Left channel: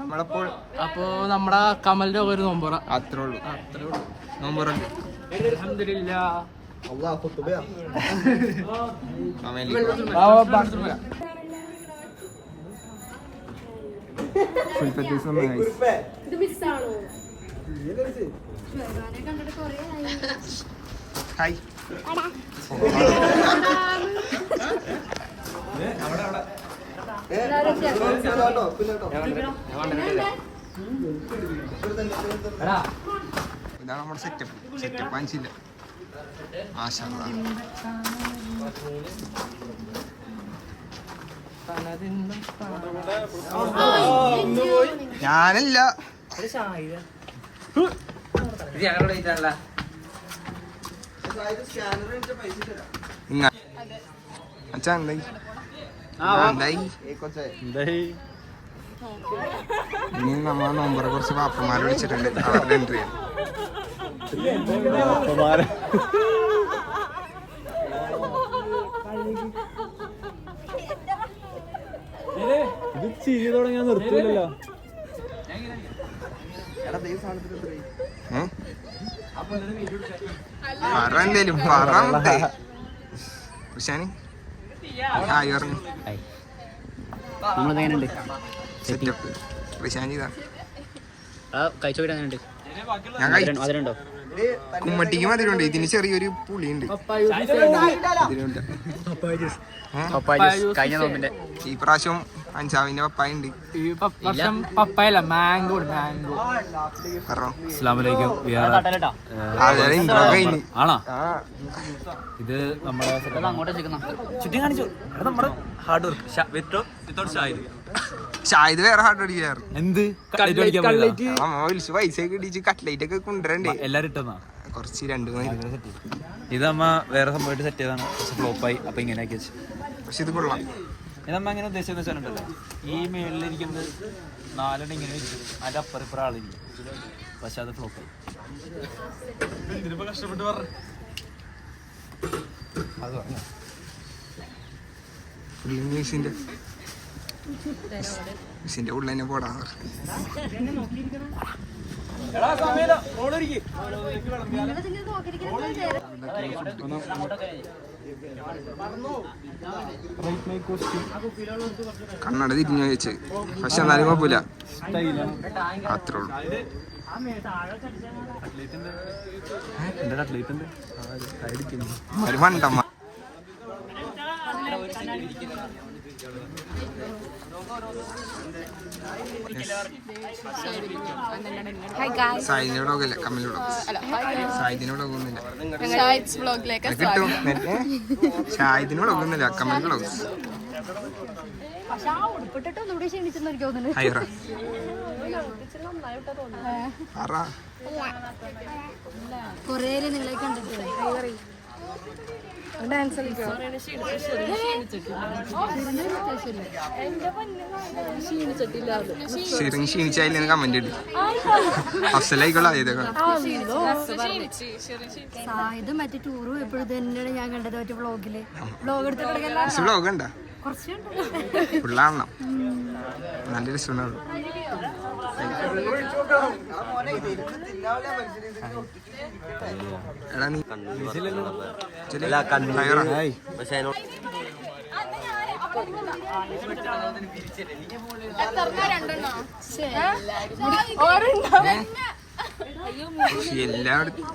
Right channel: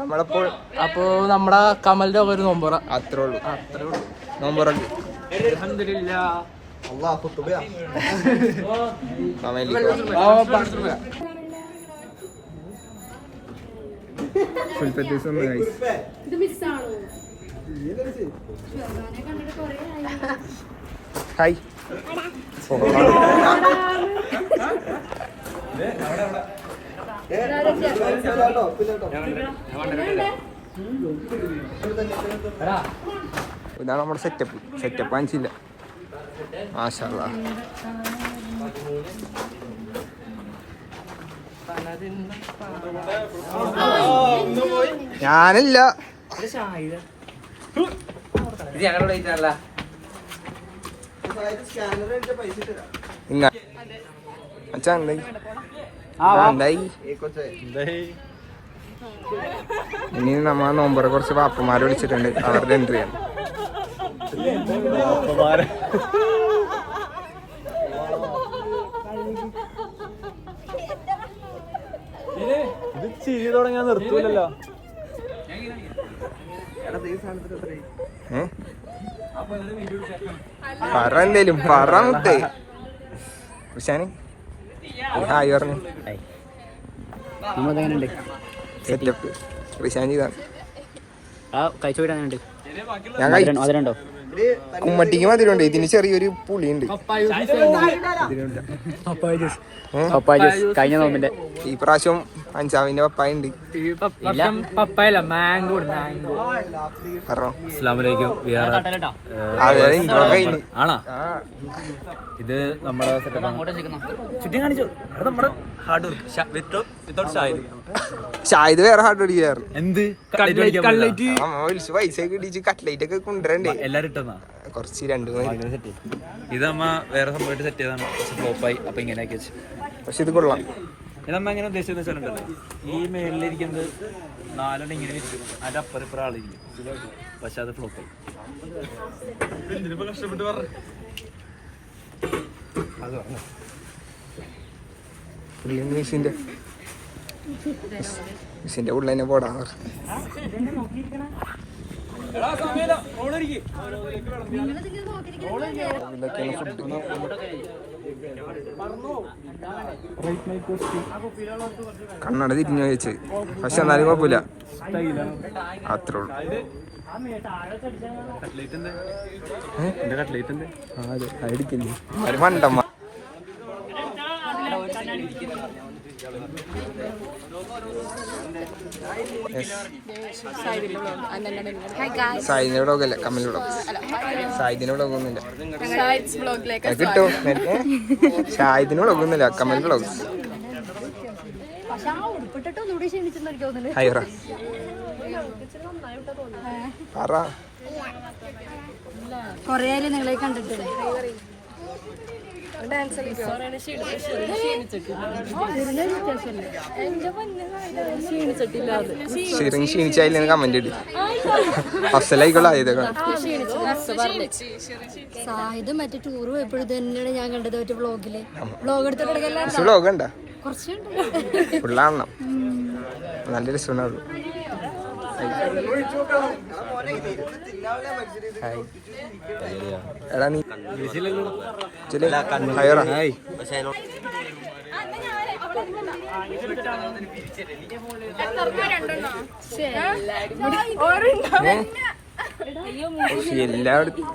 നമ്മളപ്പോൾ അപ്പോ നമ്മുടെ കമലിന്റെ ഒരു നോമ്പറ അത്രേ ഉള്ളൂ. നോമ്പറക്ക് ഹായ് ഇതാണ് നമ്മുടെ സെറ്റപ്പ് കാണിച്ചില്ല. മാഷാല്ലാ. ഞാനില്ല അച്ഛാ എന്തായി? ഇനി നമ്മൾ നോമ്പറെ കുറച്ച് പാപ്പന്മാരെ വിളിച്ചിട്ടുണ്ട്, അവരുടെ എൻട്രി ആണ്. ഇത് ചിരി തുടങ്ങിയാ നിർത്തൂലല്ലോ. പറ എന്തേലും പറ മുട്ടേ. ഋഷാനി ഹായ് പറഞ്ഞു. നമ്മളെങ്ങനെയുണ്ട് സെറ്റപ്പ്? ഋഷാൻ ചെയ്താണ്. കഴിച്ചോണ്ട് ഞാൻ അതിലുണ്ടോ? കുമ്മട്ടിക്ക് മധുരമുണ്ട്, ഇതിന് ചെറിയൊരു പുളിയുണ്ട്. കഴിഞ്ഞ നോമ്പിന്റെ ഈ പ്രാവശ്യം അഞ്ചാവിന്റെ പപ്പായ ഉണ്ട്. പപ്പായല്ല, മാംഗോ. മാംഗോ. ഇൻട്രോ കഴിഞ്ഞു. ആണോ? ഇത് നമ്മുടെ ചുറ്റും കാണിച്ചു. നമ്മുടെ ഹാർഡ് വർക്ക്. ഷായത് വേറെ ഹാർഡ് അടിക്കാറ്. എന്ത് പൈസ കിട്ടിച്ച് കട്ട്ലൈറ്റ് ഒക്കെ കൊണ്ടുവരണ്ടേ? എല്ലാരും ഇട്ടെന്നാ കുറച്ച് 2 ഇത് നമ്മ വേറെ സംഭവമായിട്ട് സെറ്റ് ചെയ്താണ്. പക്ഷെ ഫ്ലോപ്പായി. അപ്പൊ ഇങ്ങനെയൊക്കെ വെച്ച്. പക്ഷെ ഇത് കൊള്ളാം. നമ്മ എങ്ങനെ ഉദ്ദേശിച്ചെന്ന് വെച്ചാലുണ്ടല്ലോ, ഈ മേളിലിരിക്കുന്നത് 4 ഇങ്ങനെ ഇരിക്കും, അതിന്റെ അപ്പുറം ആളിരിക്കും. പക്ഷെ അത് ഫ്ലോപ്പായി. മിസ്സിന്റെ ഉള്ളിൽ തന്നെ പോടാ. കണ്ണട തിരിഞ്ഞു വെച്ച്, പക്ഷെ എന്നാലും കുഴപ്പമില്ല. അത്രേ ഉള്ളൂ. മണ്ടമ്മ സായിന്റെ വ്ളോഗല്ല, കമലിന്റെ വ്ളോഗ്. സായിദിന്റെ വ്ളോഗ് ഒന്നുമില്ല, കിട്ടോ? ഷായിദിന് വ്ളോഗ് ഒന്നുമില്ല, കമലിന്റെ വ്ളോഗ്. ഹൈറ പറ. നിങ്ങളെ കണ്ടിട്ടില്ലേ? ക്ഷീണിച്ചായില്ല കമന്റ് ഇട്. അസലായിക്കൊള്ളായതൊക്കെ സായത് മറ്റേ ടൂർ പോയപ്പോഴും തന്നെയാണ് ഞാൻ കണ്ടത്. മറ്റേ വ്ളോഗില് വ്ളോഗ് എടുത്തിട്ട് വ്ളോഗ് ഉണ്ടോ? കുറച്ചുണ്ട്. ഫുള്ളാണോ? നല്ല രസമുണ്ടാവുള്ളൂ. എടാ നീ എല്ലായിടത്തും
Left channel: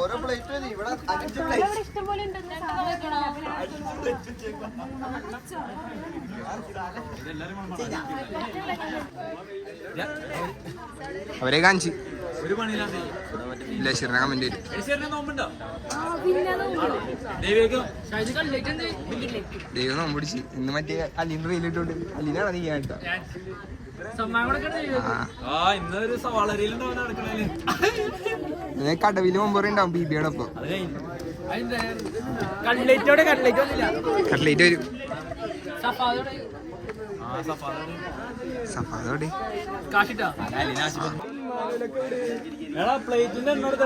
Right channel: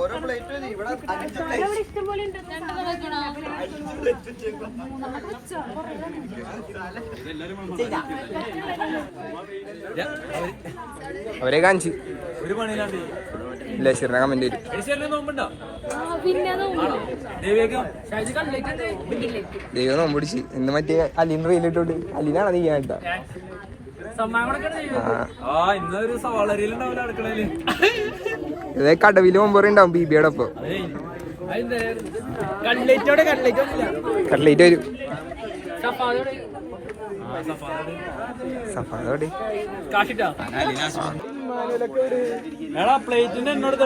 ഓരോ പ്ലേറ്റ് അവരെ കാണിച്ച് ലക്ഷറിനെ കമന്റ് വരും. ദൈവം നോമ്പ് പിടിച്ച് ഇന്ന് മറ്റേ അലീൻ റീലിട്ടോട്ട് അലീനാണ് നീ കേട്ടാ. ഇതേ കടവില് മുമ്പ് ഉണ്ടാവും ബീബിയുടെ ഒപ്പം. കട്ട്ലേറ്റ് വരും. സഫാദോടെ പ്ലേറ്റിന്റെ എന്നോട്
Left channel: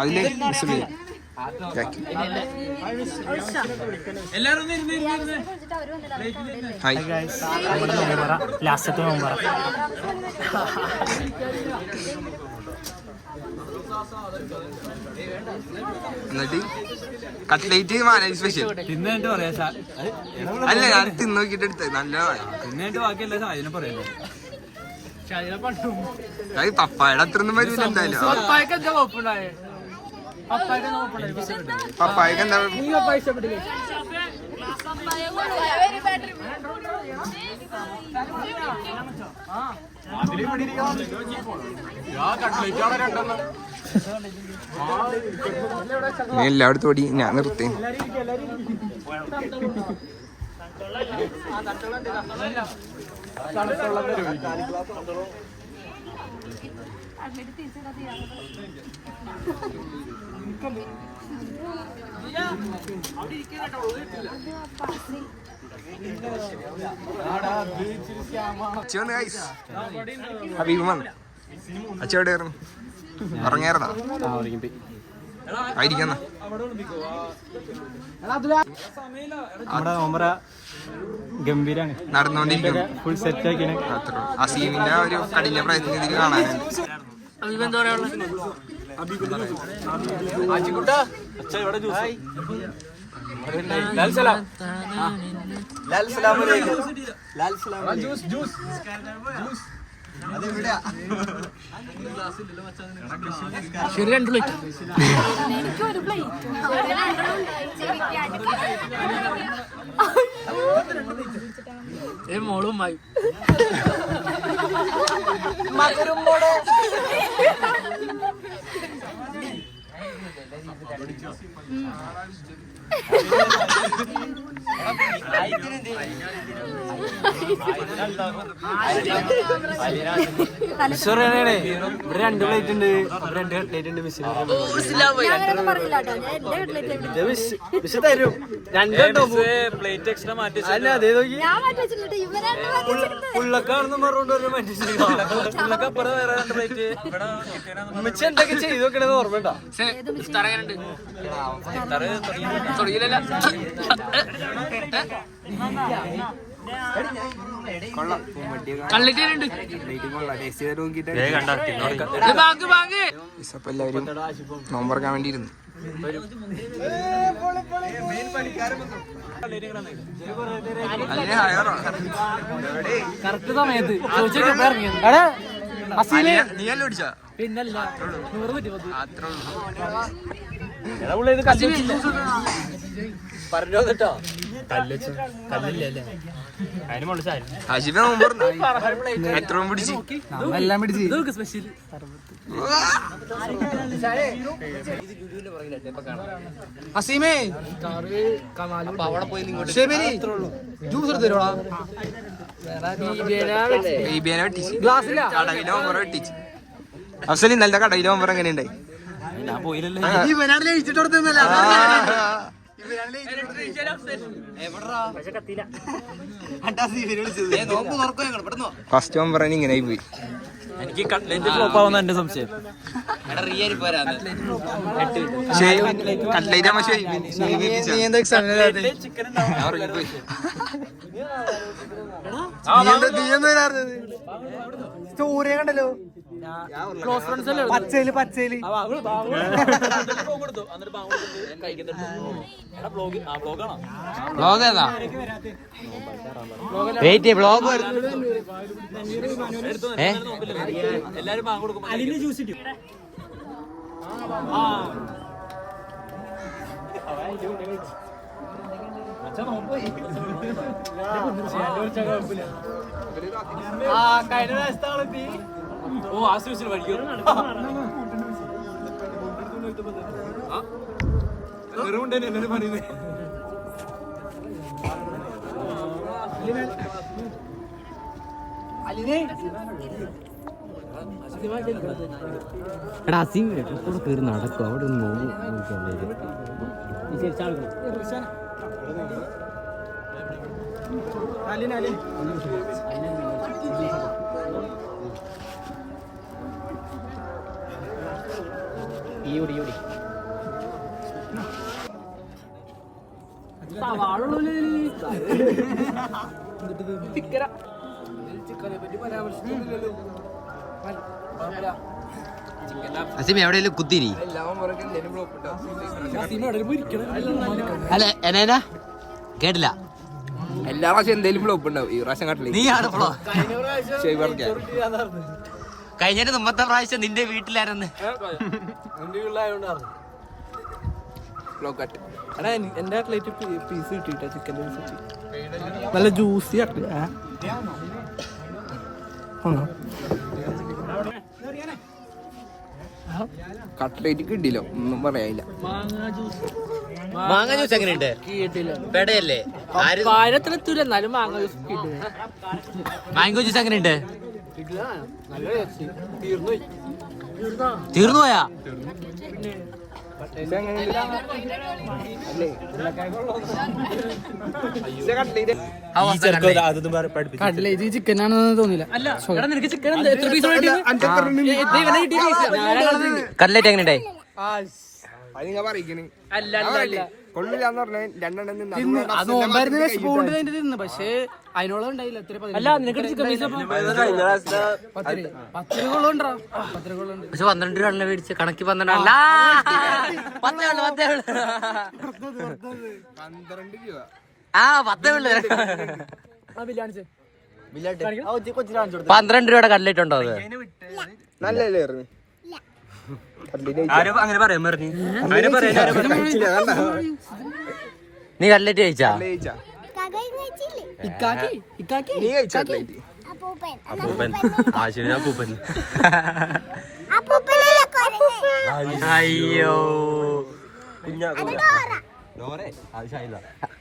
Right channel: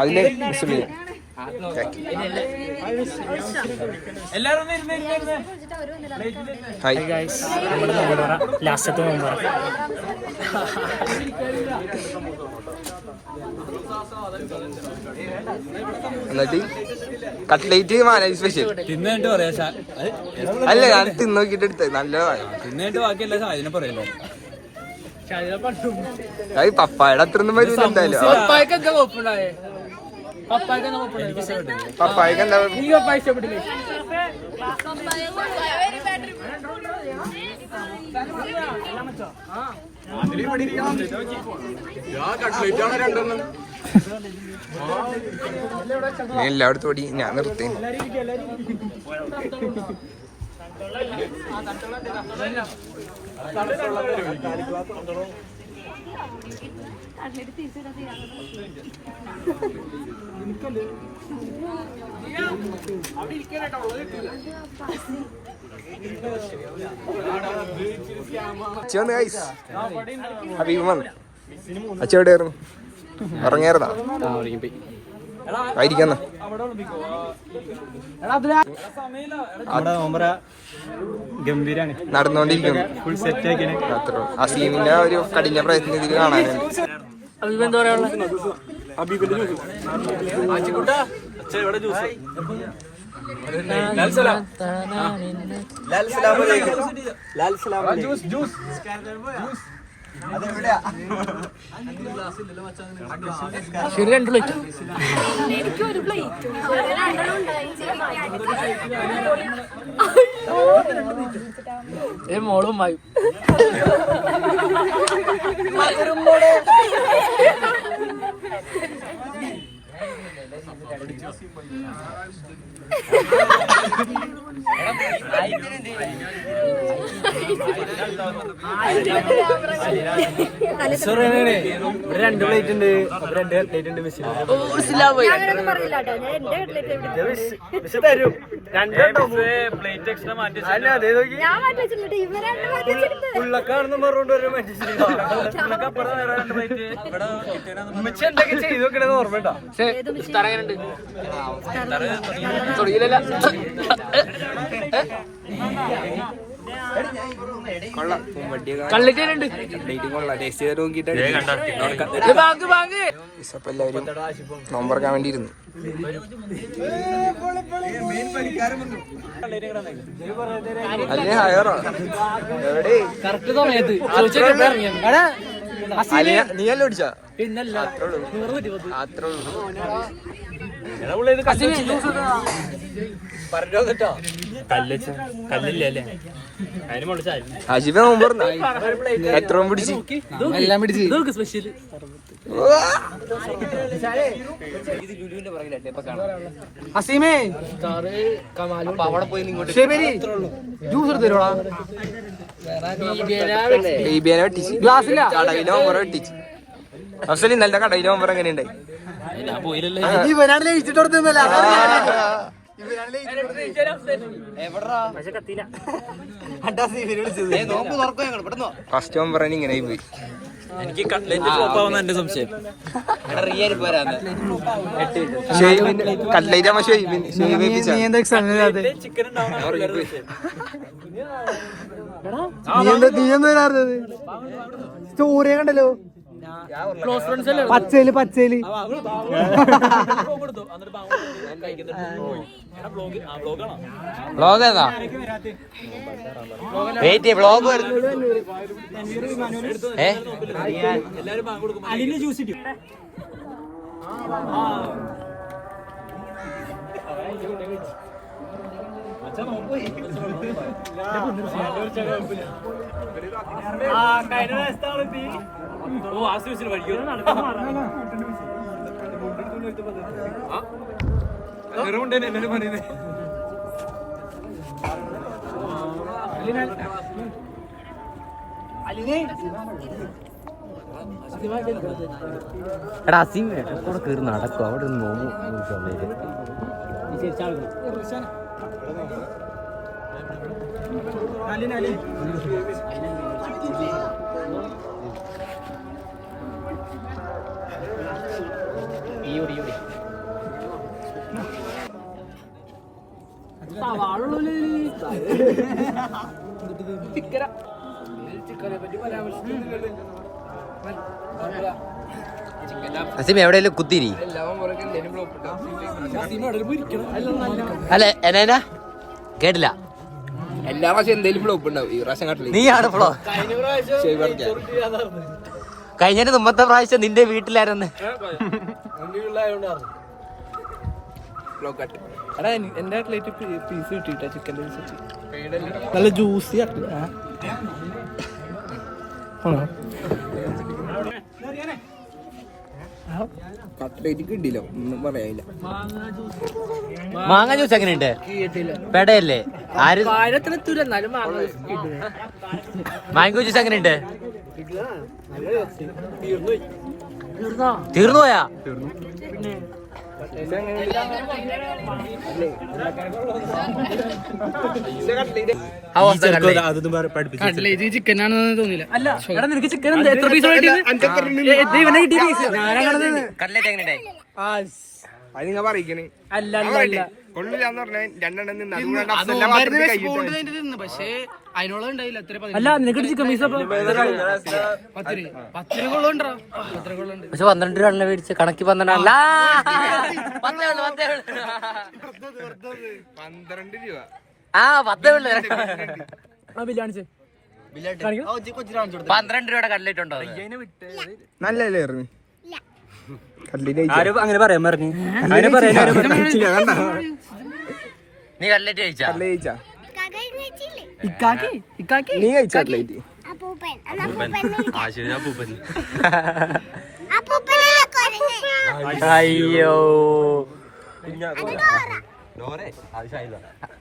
അതിലെ മിസ് ചെയ്യാം. ഹായ് നമ്മുടെ നോമ്പറ ലാസ്റ്റത്തെ നോമ്പറ. എന്നിട്ട് കട്ട്ലേറ്റ് മാനേജ് സ്പെഷ്യൽ തിന്നിട്ട് പറയാ. അല്ല ഞാൻ തിന്നോക്കിട്ട് എടുത്തത് നല്ലതാണ്. തിന്നിട്ട് ബാക്കിയല്ല സാധനം പറയല്ലോ. അത് പപ്പായുടെ അത്ര ഒന്നും വരില്ല എന്തായാലും. പപ്പായ്ക്ക് എന്താ നീ എല്ലായിടത്തും ഓടി ഞാൻ നിർത്തി. ഹബീബ് വന്നു. അച്ഛ എവിടെയായിരുന്നു? ഉറങ്ങിയായിരുന്നാ? ആയിരിക്കുന്ന ഗംഭീരാണ് നടന്നുകൊണ്ടിരിക്കുന്നു. ഫുൾ സെറ്റ് ആക്കി. അത്ര അസീമിന്റെ ഒരു കഠിന പ്രയത്നം ഇതിൽ കാണാനുണ്ട്. എന്താ പറയാനുള്ള ശരി 2 പ്ലേറ്റ്. എനിക്കൊരു പ്ലേറ്റ്. മോളും വായും രണ്ട് പ്ലേറ്റ് ഉണ്ട്. അപ്പൊ 2 കട്ട്ലേറ്റ് ഉണ്ട്. മിസ് തരും. 2 പ്ലേറ്റ് എക്സ്ട്രാ മാറ്റി ഉള്ളക്കാണെന്ന് പറഞ്ഞോണ്ട് എന്തൊക്കെ ചെയ്ത് നോക്കണെന്ന് ഓർമ്മയുണ്ടോ? തുടങ്ങിയില്ല. കള്ളിട്ടുണ്ട്. എല്ലാവരും നോമ്പറക്കാൻ വേണ്ടി ഇരുന്നു. അല്ലേ ഹയറോ എവിടെ കറക്റ്റ് സമയത്ത് നീ അല്ല ഓടിച്ചാ? പിന്നല്ല കല്ലില്ലേ അതിന് മുകളിൽ ആശിഫ നോമ്പ് എത്ര പിടിച്ച് എല്ലാം പിടിച്ച് സ്പെഷ്യൽ അസീമേ കമാലും ജ്യൂസ് തരുവാ കടയിലെ ഓവർ വെട്ടിച്ച്. അഫ്സലി നല്ല കടയിലെ ഓവർ എങ്ങനെ ഉണ്ടായി? ഞാൻ പോയില്ലല്ലേ. ഫസ്റ്റ് ഓവർ ഇങ്ങനെ പോയി. എനിക്ക് കട്ട്ലേറ്റ് ഫ്ലോപ്പ് ആവുന്ന എന്റെ സംശയം. കട്ട്ലേറ്റ് ആവുമ്പോ സ്റ്റോറി കണ്ടല്ലോ. ക്ലോസ് ഫ്രണ്ട്സ് അല്ലേ? പച്ചയില് വ്ളോഗ് ഏതാ? എല്ലാരും ബാങ്ക് കൊടുക്കും. അതിന് ജ്യൂസ് കിട്ടും. ഓ ആശുപത്രി പഠിക്കും. നിറവുണ്ടേനെ എല്ലാരും പറയുന്നേ. എടാ അസീം കൂടെ കയറി നടക്കും. അവിടെ നോമ്പ് അസിം എവിടെയെങ്കിലും കുത്തിരി അല്ലെ എന്നാ കേട്ടില്ല. എല്ലാ പ്രാവശ്യം എന്തെങ്കിലും ഫ്ലോപ്പ് ഉണ്ടാവും. ഈ പ്രാവശ്യം കട്ടില്ല. നീയാണ് ഫ്ലോ. കഴിഞ്ഞ മുമ്പത്തെ പ്രാവശ്യം നിന്റെ വീട്ടിലായിരുന്നു. എടാ എന്റെ കട്ട്ലേറ്റ് പീസ് കിട്ടിട്ടാ, ചിക്കൻ പീസ് നല്ല ജ്യൂസി കട്ട്ലേറ്റ് കിട്ടിയില്ല, ഒന്നും പറയാനില്ല. മാങ്ങ ജ്യൂസ് എങ്ങനെയുണ്ട്? പെടയല്ലേ? മാംഗോ ജ്യൂസ് എങ്ങനെയുണ്ട്? തീർന്നു പോയാ? ചിക്കനാണെന്ന് തോന്നില്ല. കട്ട്ലേറ്റ് എങ്ങനെയുണ്ടായി? അത് നിങ്ങൾ പറയിക്കണേ കൊള്ളില്ലാന്ന് പറഞ്ഞ രണ്ടെണ്ണം നിന്ന് പക്ഷേ അതിനോളം ഉണ്ടായില്ല. അല്ല നിനക്ക് ചിക്കൻ പീസ് 10 കൊള്ളുണ്ടാ. 10 കൊള്ളുണ്ട്. പക്ഷെ 12 രൂപ മേടിച്ച് കണക്ക് 12 അല്ല 12 രൂപ. ആ 10 12 രൂപയുടെ കട്ട്ലേറ്റ് ഉണ്ടോ? അത് നല്ലല്ലേ ആരും അങ്ങനെ പറയാൻ പറഞ്ഞു. നീ കട്ട്ലേറ്റ് കഴിച്ചാ? അയ്യോ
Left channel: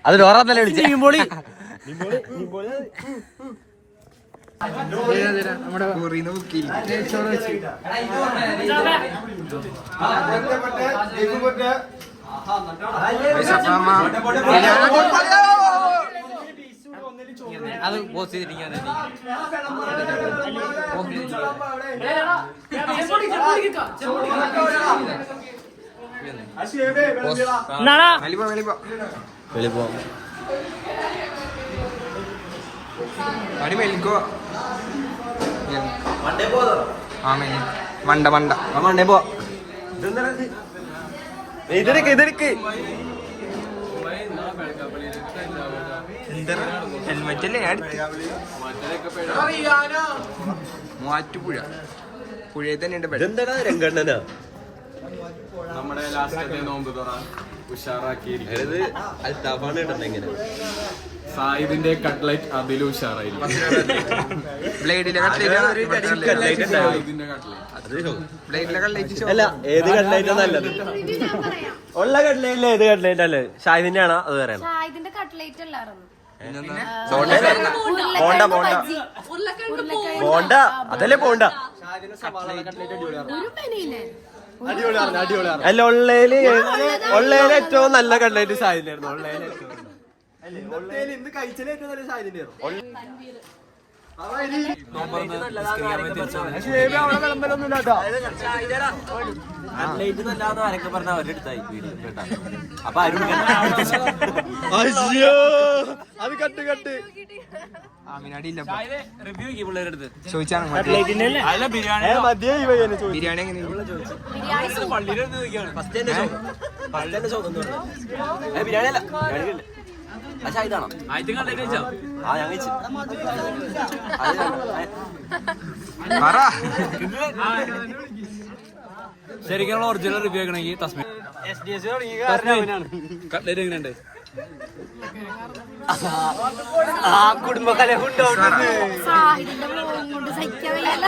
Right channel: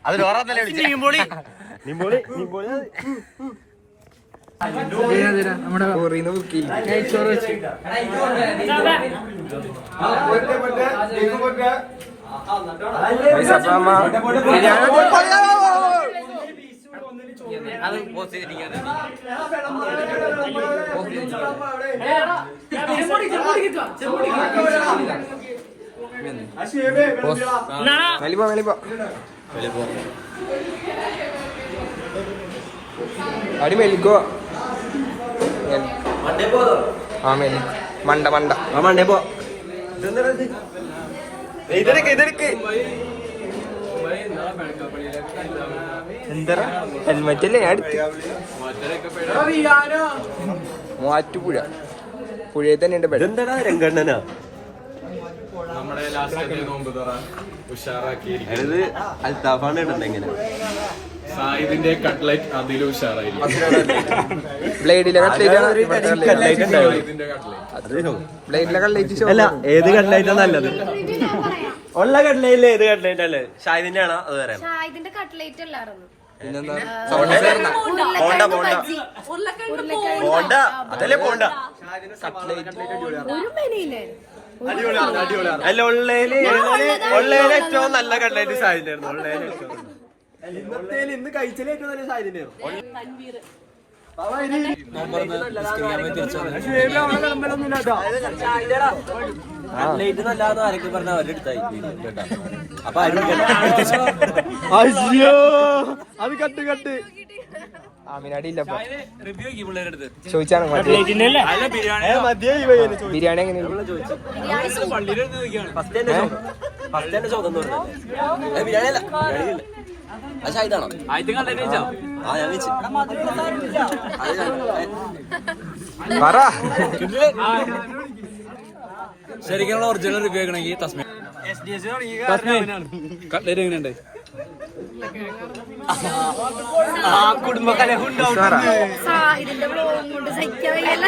അത് ലോറന്നല്ലേ വിളിച്ചേ? അടി മെലിക്കോ മണ്ട മണ്ട മണ്ടേ പോ. എന്താ ഹെൽമെറ്റ് അല്ലേ ഞാൻ മൂവാറ്റുപുഴ പുഴയിൽ തന്നെ ഉണ്ട് ബെഡ്. നമ്മുടെ ലാസ്റ്റ് നോമ്പ് തുറ ഉഷാറാക്കിയിരിക്കുന്നത് അൽത്താഫാണ് ഇടുന്നെങ്കിൽ സായിദിന്റെ കട്ട്ലൈറ്റ് അതിലും ഉഷാറായിരിക്കും. ബ്ലേഡിലെ കട്ട്ലേറ്റ് ബ്ലേഡിലെ കട്ട്ലേറ്റ് ഏത് കട്ട്ലേറ്റാ നല്ലത്? ഉള്ള കട്ട്ലേറ്റില് ഏത് കട്ട്ലേറ്റ് അല്ലേ? ഷാഹിദിന്റെ ആണോ? അത് പറയണം. ഷാഹിദിന്റെ കട്ട്ലേറ്റ് അല്ലായിരുന്നു. പോണ്ട അതല്ലേ പോണ്ട. ഒരു മെനയില്ലേ? അല്ല ഉള്ളേല് ഏറ്റവും നല്ല കട്ട്ലേറ്റ് ഷാഹിദിന്റെ ആയിരുന്നു. ഉള്ളേല് ഏറ്റവും ഇന്ന് കഴിച്ചാൽ ഏറ്റവും നല്ല ഷാഹിദിന്റെ ആയിരുന്നു. നല്ലാന്ന് ആരൊക്കെ പറഞ്ഞ അവരുടെ അടുത്തായി കേട്ടാ. അപ്പൊ ചോദിച്ചാണ് ബിരിയാണി എങ്ങനെയുണ്ട്? ബിരിയാണി അല്ല പക്ഷെ ഇതാണോ? ആ ഞാൻ പറ. ശരിക്കും ഒറിജിനൽ റിവ്യൂ ആക്കണമെങ്കിൽ തസ്മി കട്ട്ലേറ്റ് എങ്ങനെയുണ്ട്? ഷാഹിദിന്റെ വ്ലോഗ് കൊണ്ട് സഹിക്കാൻ വയ്യല്ല.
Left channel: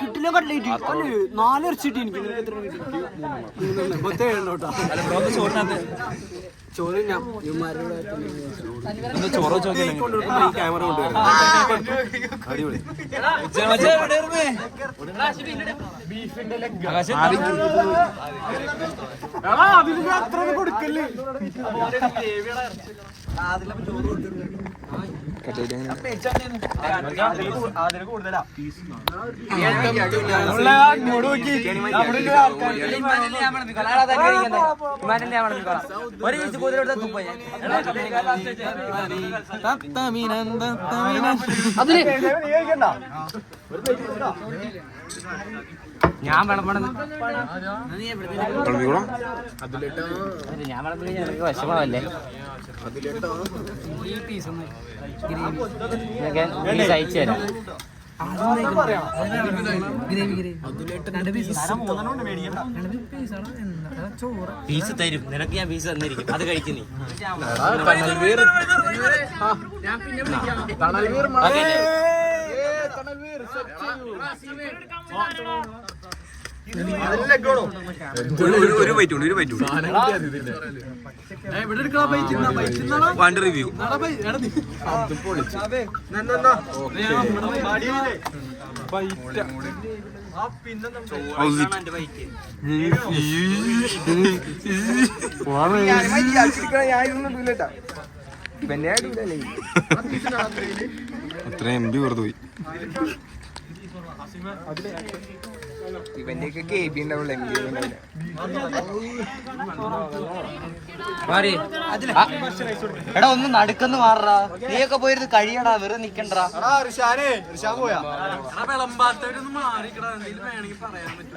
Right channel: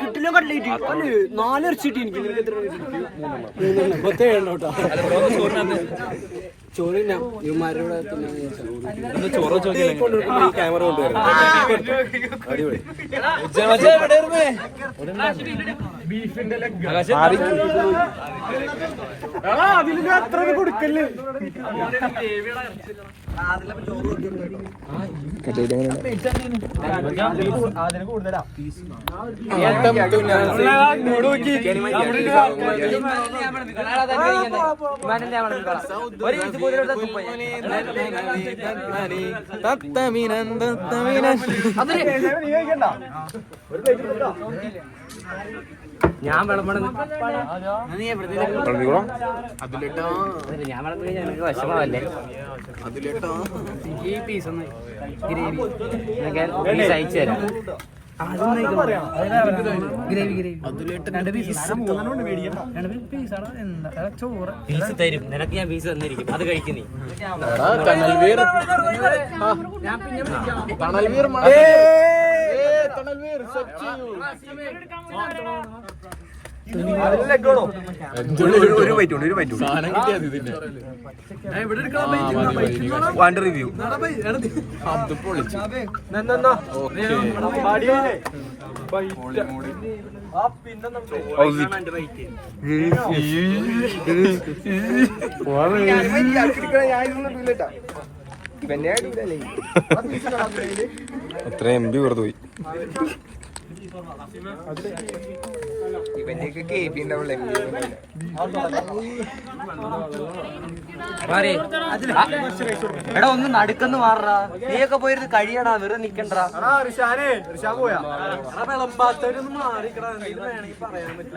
കിട്ടില്ല കട്ട്ലേറ്റ് 4 ഇറച്ചിട്ട് എനിക്ക് ചോറ് ഈ ക്യാമറ കൊണ്ടുവരുന്നത് അടിപൊളി. അത്ര കൊടുക്കല്ലേ ഞാൻ വിളമ്പണം ഞാൻ വിളമ്പി എനിക്ക് വിഷമല്ലേ ഈ പീസ് ഗ്രേവി അയച്ചു തരാം പീസ് തരും നിനക്ക് ഞാൻ പീസ് തന്നിരിക്കും അത് കഴിക്കുന്നേ ഒരു ബൈറ്റ് ഉണ്ട് റിവ്യൂ അത്ര MB വെറുതെ പോയി. ഇവന്റെയൊക്കെ KB ഉണ്ടാവുള്ളൂ, MB എടാ ഒന്ന് നടുക്കെന്ന് മാറാ, നീയൊക്കെ പോയിരുന്ന് കഴിയടാ, വെറുതെ നിക്കണ്ടാ. വിളമ്പാത്തവരൊന്ന് മാറിക്കടാ, എന്തെങ്കിലും വേണമെങ്കിൽ പറയാൻ പറ്റും.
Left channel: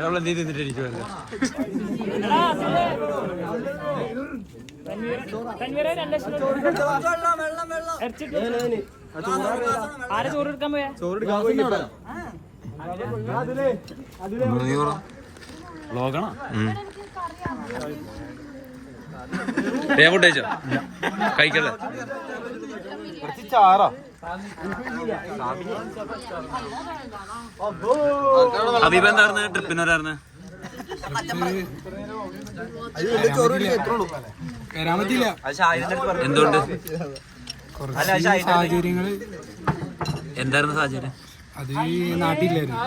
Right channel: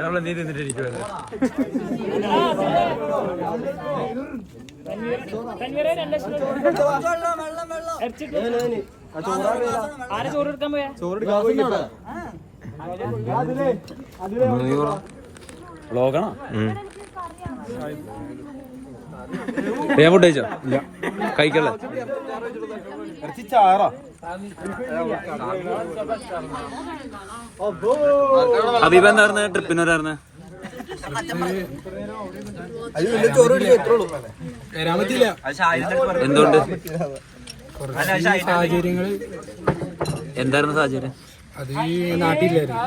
വ്ളോഗാണോ? ഞാൻ ഫുഡ് കഴിച്ചോ? കഴിക്കല്ലേ? ഹബീബ എന്തായിരുന്നു ട്രിപ്പിനോരായിരുന്നു? എന്തുകൊണ്ട്? സാഹചര്യങ്ങൾ എന്തായിരുന്നു സാഹചര്യം? അത് ഈ നാട്ടിലായിരുന്നു.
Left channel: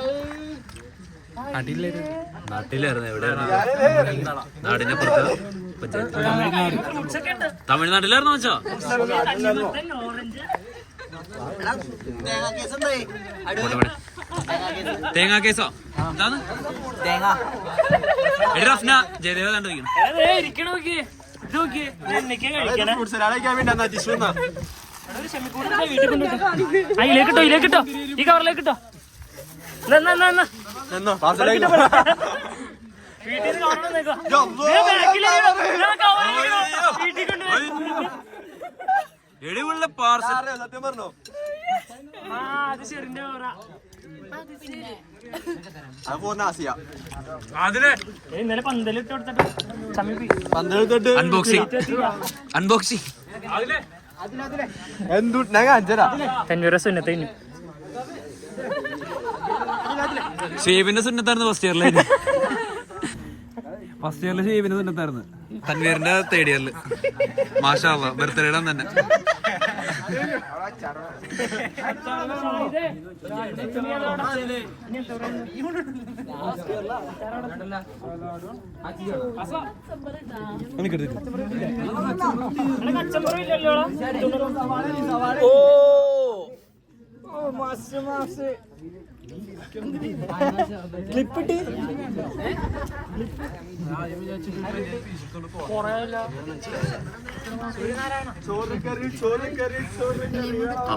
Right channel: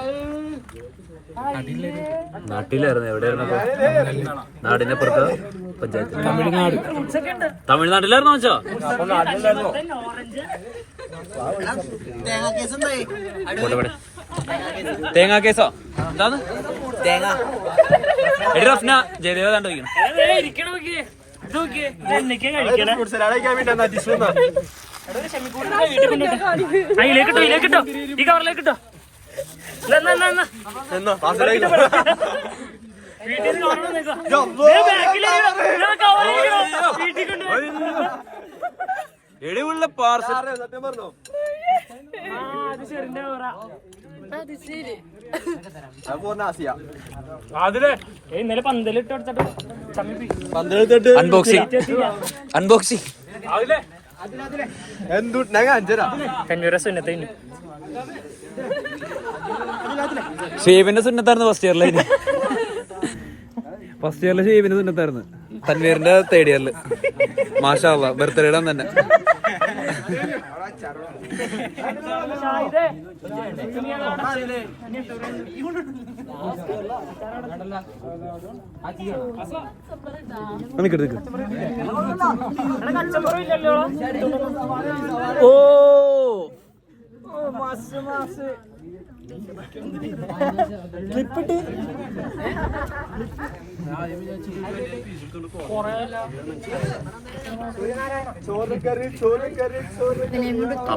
എവിടെയായിരുന്നു? നാടിന്റെ പുറത്ത് പഞ്ചായത്ത്. തമിഴ്നാട്. തമിഴ്നാട്ടിലായിരുന്നു വെച്ചോ? തേങ്ങാ കേസോ? എന്താണ് തേങ്ങ? എടി റഫ്ന ജയദേവ കണ്ടു വയ്ക്കണം. എടിവുള്ള പാർസൽ സത്യം പറഞ്ഞോ? അൺബോക്സിംഗ് ഷേവിന്റെ സുന്നത്തായിരുന്നു ഫസ്റ്റ് ഇയറിലായിരുന്നു. ഫസ്റ്റ് ഇയറിലെ ഷേവിന് സുന്നത്തായിരുന്നു. തൻവീറിന്റെ തേർഡ് ഇയറില് മാഷാ അല്ലാഹ് ബർത്ത്ഡേയുടെ തന്നെ.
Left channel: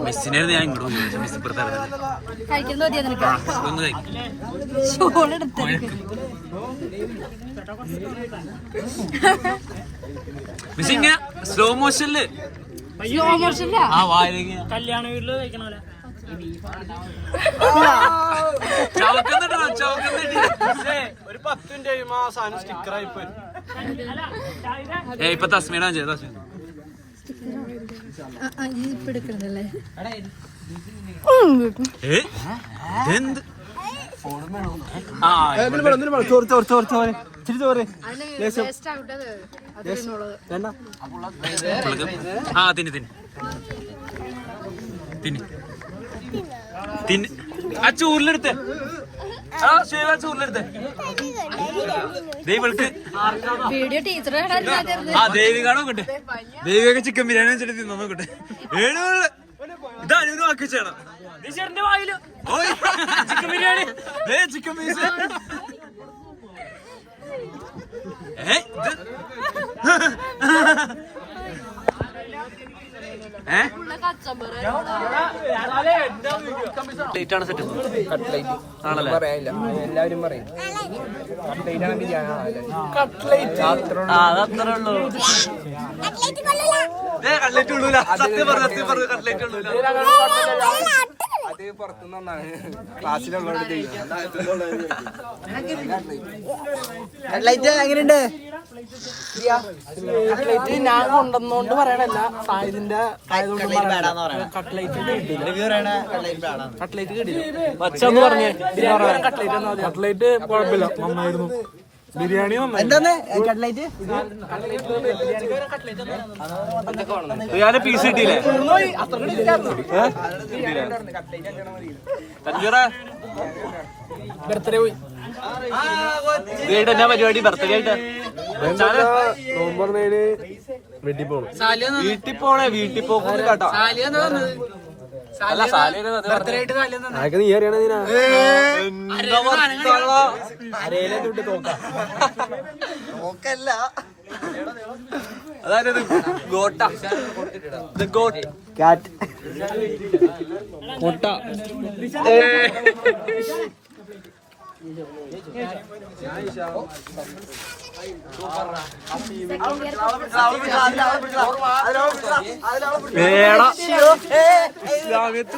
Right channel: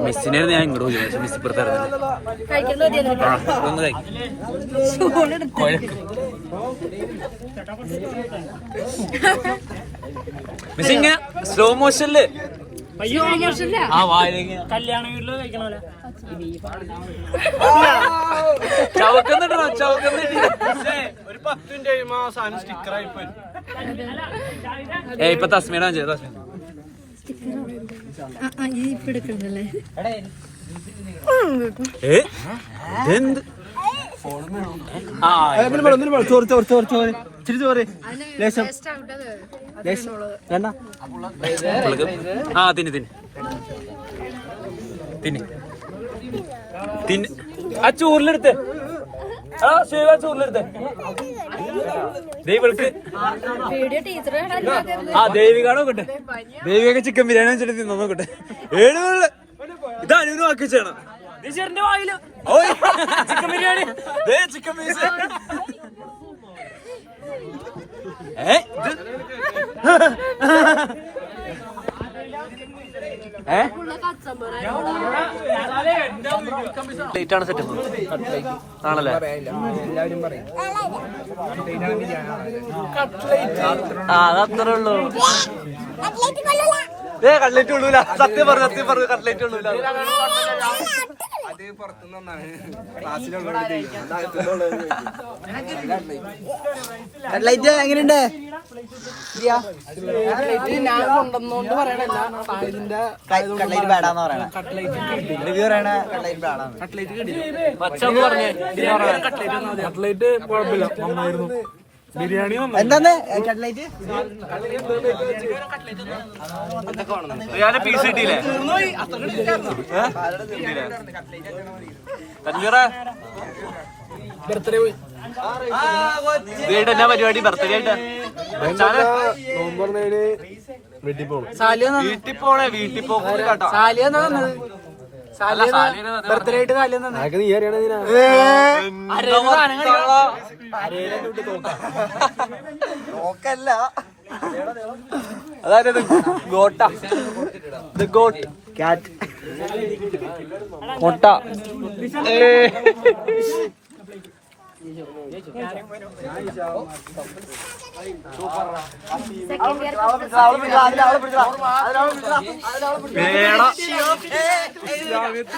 മിസ്സിനെ ഞാൻ ഇങ്ങോട്ട് പോയി, പക്ഷെ മിസ് ഇപ്പുറത്തായിരുന്നു. മിസ് ഇങ്ങനെ സ്ലോ മോഷനില് ആ വായിലേക്ക് കല്യാണ വീട്ടില് കഴിക്കണ ചവക്കുന്നുണ്ടോ? ചവക്കുന്നുണ്ട്. ഇപ്പൊ തസ്മീന ചെയ്ത എന്ത് ആ തിന്ന് തിന്ന് തിന്ന് തിന്ന് ആ ചോറിലെടുത്ത് ചൂറിലെടുത്തേ ദൈവൾക്ക് വീഡിയോ ടീച്ചറെ ആ ദേവികാണ് നോക്കട്ടെ. ദേവിക ചിക്കൻ ബിരിയാണി വെച്ചിട്ട് തിന്നു നോക്കട്ടെ. ഏഴ് ഇത് അനുവിന് വാക്കി ചെയ്യണം. ചിക്കൻ ബിരിയാണി ചിക്കൻ പീസ് ാണ് സെറ്റ് ആണല്ലേ? എല്ലാവരും പറയും അതത്രേ ഉള്ളൂ. കട്ട്ലേറ്റ് ഉള്ളൂല. സത്യം പറഞ്ഞു കട്ട്ലേറ്റ് ഉള്ളൂല. അത് പുറത്തുനിന്നാണ് ക്ലാസ്സിലുള്ളവർ എങ്ങനെയുണ്ട്? ഞാൻ കൊണ്ടുവന്നോണ്ട് പറയണല്ല, സായിദിന്റെ കട്ട്ലേറ്റ് കിട്ടില്ല. പച്ചന്ന് പറഞ്ഞേ കട്ട്ലേറ്റ് കുഴപ്പമില്ല, നന്നായിരുന്നു. ബിരിയാണി എന്താണ് കട്ട്ലേറ്റ്? ഞാൻ പീസ് കിട്ടിയില്ലേ? ബർത്ത്ഡേ പോയി എന്നാ പരിപാടി? ബർത്ത്ഡേ ആയിട്ട് നോമ്പറന്നേന് വീട്ടിൽ പോകും. വീട്ടിൽ പോണേ. വീട്ടിൽ പോകും കേട്ടോ. ബർത്ത്ഡേ ആയിട്ട് അതൊക്കെ നീ അറിയണ അതായത് ഗോട്ട ക്യാറ്റ് മുട്ട.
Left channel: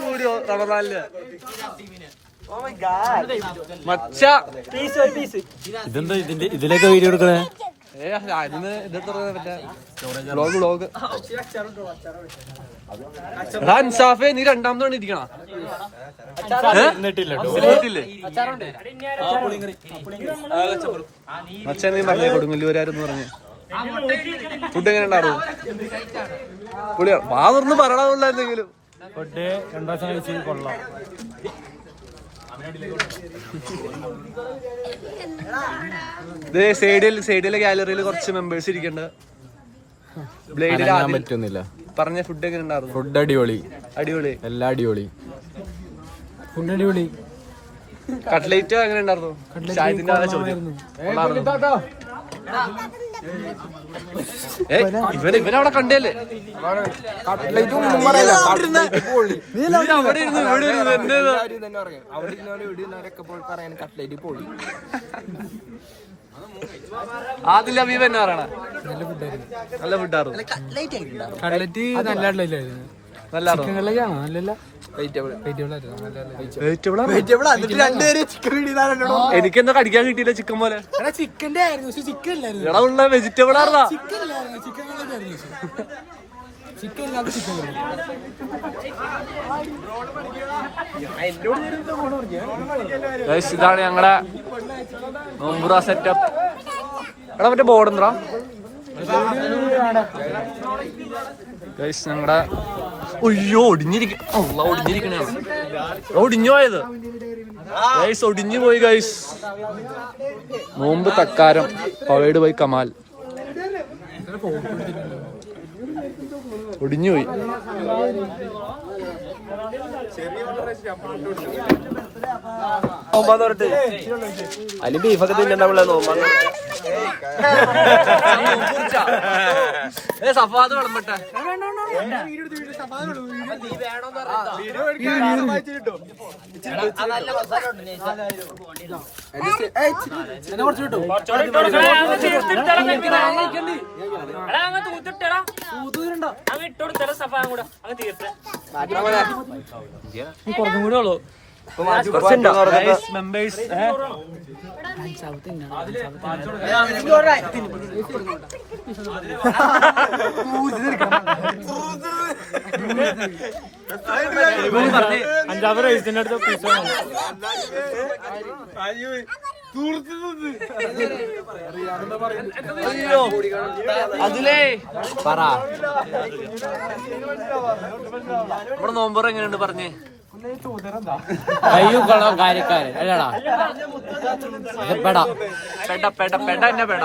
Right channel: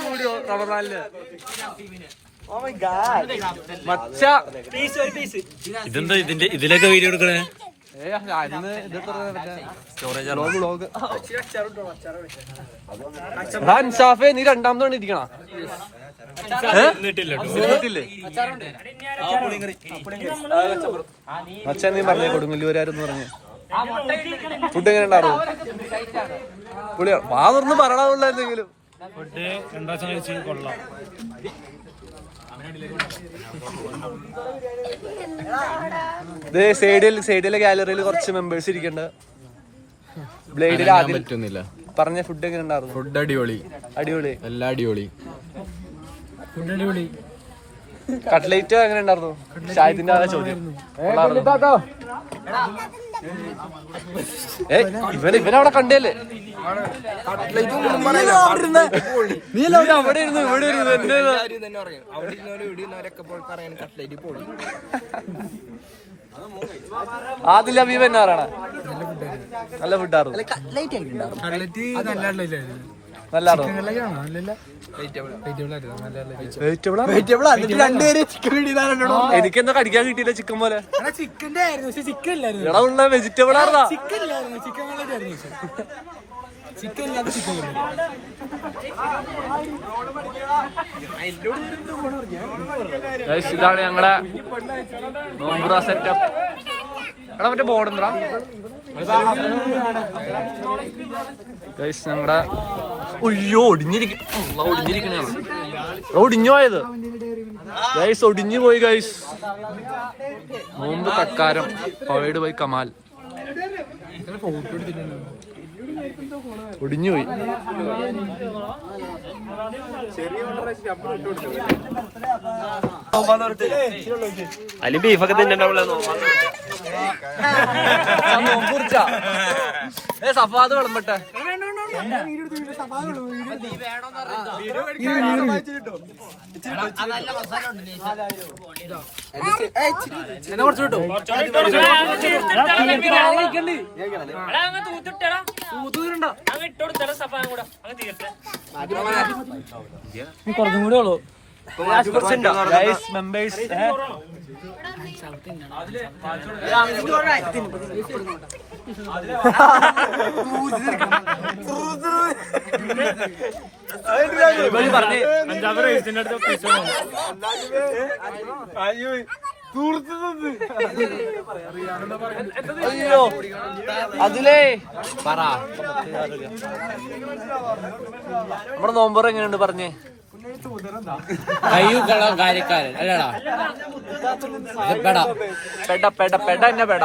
കൂടിയോ റമദാനില് മച്ച ഇതെന്താ ഇതിലൊക്കെ വീഡിയോ എടുക്കണേ? അൻസാഫേ, നീ രണ്ടാമതാണ് ഇരിക്കണ? മച്ചാൻ നീ പറഞ്ഞേ കൊടുങ്ങല്ലൂരാരെന്ന് പറഞ്ഞേ. ഫുഡ് എങ്ങനെ ഉണ്ടായിരുന്നു? പുളിയോ? വാ തുറന്ന് പറയണമില്ലായിരുന്നെങ്കിലും. രണ്ടാഴ്ച കഴിച്ച് കൊള്ളാം. സൈഡിലെ ഗാലറിയിൽ കുറച്ച് മെമ്പേഴ്സ് ഇരിക്കണ്ട. ബ്ലേഡിൽ ആദ്യം പറ്റുന്നില്ല. പറഞ്ഞ ഫുഡ് എങ്ങനെ ഉണ്ടായിരുന്നു? ഫുഡ് അടിപൊളി, അടിപൊളി, എല്ലാം അടിപൊളി. ഫുഡ് അടിപൊളി. കട്ട്ലേറ്റ് എങ്ങനെ ഉണ്ടായിരുന്നു? ഷാഹിദിന്റെ ആ ചോദ്യം. ഇവനവിടെ കണ്ടല്ലേ? കട്ട്ലേറ്റ് ഒന്നും പറയില്ല. അവിടെ ഇരുന്നു ഇവിടെ ഇരുന്നു എന്നെ തന്നെ പറയും. അവിടെ ഇരുന്നവരും ഇവിടെ ഇരുന്നവരൊക്കെ പോയി പറയാൻ കട്ട്ലേറ്റ് പോയി. ആദിൽ അബീബ് എന്നാ പറയണ? നല്ല ഫുഡായിരുന്നു. കട്ട്ലേറ്റ് നല്ല എനിക്കെന്താ കടിക്കാൻ കിട്ടിയില്ല ചിക്കൻ പോലെ. ചിക്കന്റെ ആയിരുന്നു, പക്ഷെ ചിക്കൻ ഇല്ലായിരുന്നു. എടാ ഉള്ള വെജിറ്റബിൾ ആയിരുന്നാ? ചിക്കൻ ഇല്ലായിരുന്നു, ചിക്കൻ കട്ട്ലേറ്റ് ചിക്കൻ ഇല്ലാതെ ചിക്കൻ ഇതാണ് ഞങ്ങളുടെ നോമ്പുറ സെറ്റപ്പ്. എടാ മറ്റേ ബോർഡ് എന്താ ഞങ്ങളുടെ? ഒയ്യോ ഒടിഞ്ഞിരിക്കണേ. ഒടിഞ്ഞു പോയത് ഗൈസ്, ഒടിഞ്ഞു പോയി ഗൈസ്. നോമ്പ് തക്കാരം പവേഡ് ബൈ കമാൽ. ഒടിഞ്ഞുപോയി. അതിന് ബീഫൊക്കെ തിന്നണ്ടാവുള്ള സഫാദ് വിളമ്പട്ടെ. കുറച്ചും കൂടെ ഉള്ളു. മെമ്പേഴ്സ് പറഞ്ഞേ. 5 വയസ്സിന്റെ അടുത്ത് പീസ് അയ്യോ അതിലേ പറ. നമ്മുടെ നോമ്പർ എങ്ങനെയുണ്ട് പറഞ്ഞേ? കയ്യൂക്കുള്ള കാര്യക്കാരൻ അല്ലടാ പെട പെട പെട പെട എന്നെ പെട.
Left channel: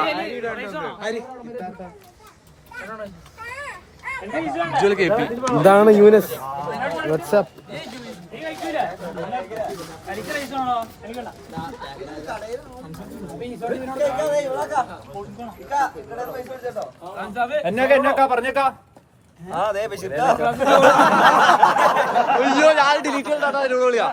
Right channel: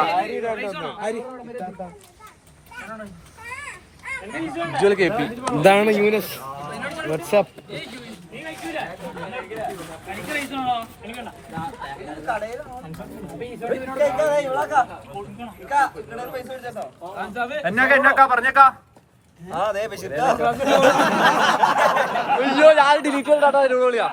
ഇതാണ് യൂനസ്. വാട്സ്ആപ്പ്. എന്നൊക്കെ പറഞ്ഞേക്കാ. അയ്യോ ഞാൻ ഡിലീറ്റ് ചെയ്താ വിളിയാ.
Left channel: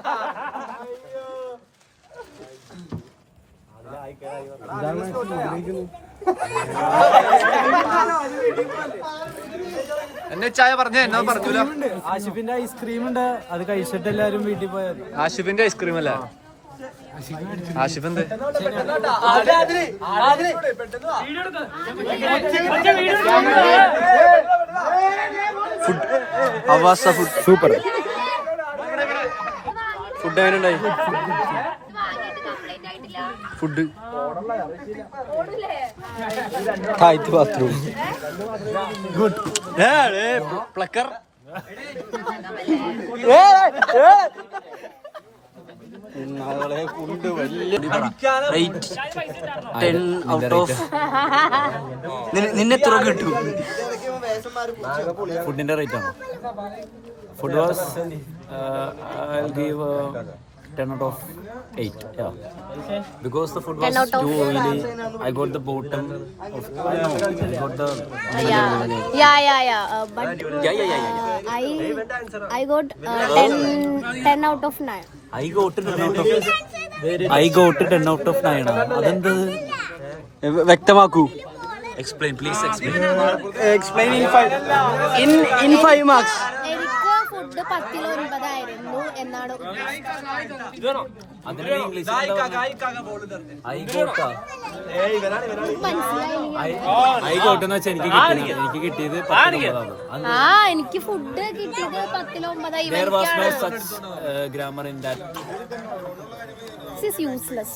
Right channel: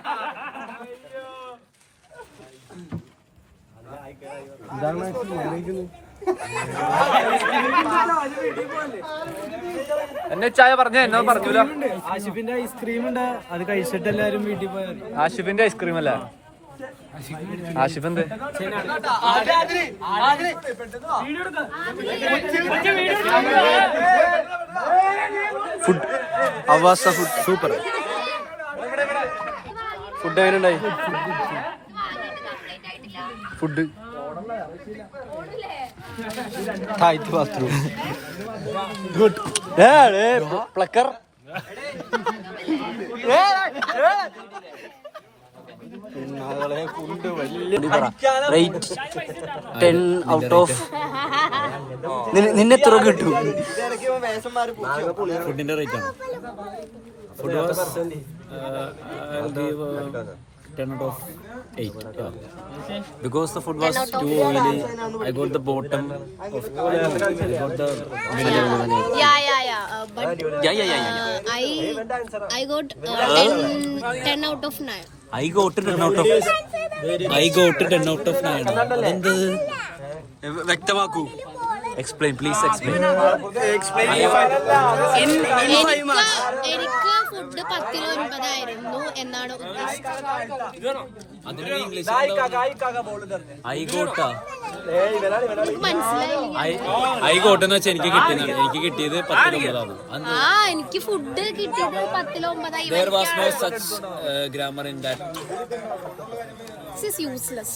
എന്നെ ചായ പറഞ്ഞ എന്നോ പറഞ്ഞൂല. ആഷിഫിന്റെ ഐസ്ക്രീം ഉണ്ട്, അത് കഴിച്ചിട്ട് എല്ലാരും വീട്ടിൽ പോയാൽ മതി. ആഷിഫിന്റെ ഐസ്ക്രീം അല്ലേ? ആഷിഫ് എന്ത് ഫുഡ് അവസ്ഥ ഫുഡ് സൂപ്പർ. ഫുഡ് എങ്ങനെയുണ്ടായി? ഫുഡ് താഴത്ത് ബാത്റൂം ഗുഡ്. പ്ലക്കർ കൊണ്ട് വലിയ റേറ്റ് 10 ഔട്ട് ഓഫ്. നിന്നെ തുറ കിട്ടും. ഫുഡിന്റെ റേറ്റ് ആണോ? Food was I'll give 10 out of 8. Yeah, because the food was too oily. I got the bottom of I got the But I got 10 out of 9. I got 10 out of 9. അതെന്ത്? വ്യക്തമാക്കൂ. Explain, please explain. എനിക്ക് food 10/9 ആയിരുന്നു എന്നാണ് ഉദ്ദേശിച്ചത്. അതിന് English ആയിക്കോട്ടെന്ന് വെച്ചാൽ എനിക്ക് കിട്ടിയതാണ്. എനിക്ക് കിട്ടിയത് 10/9. എനിക്ക് ഫുഡ് കിട്ടിയത് 10/9. There was no such grammar in that. This is useless.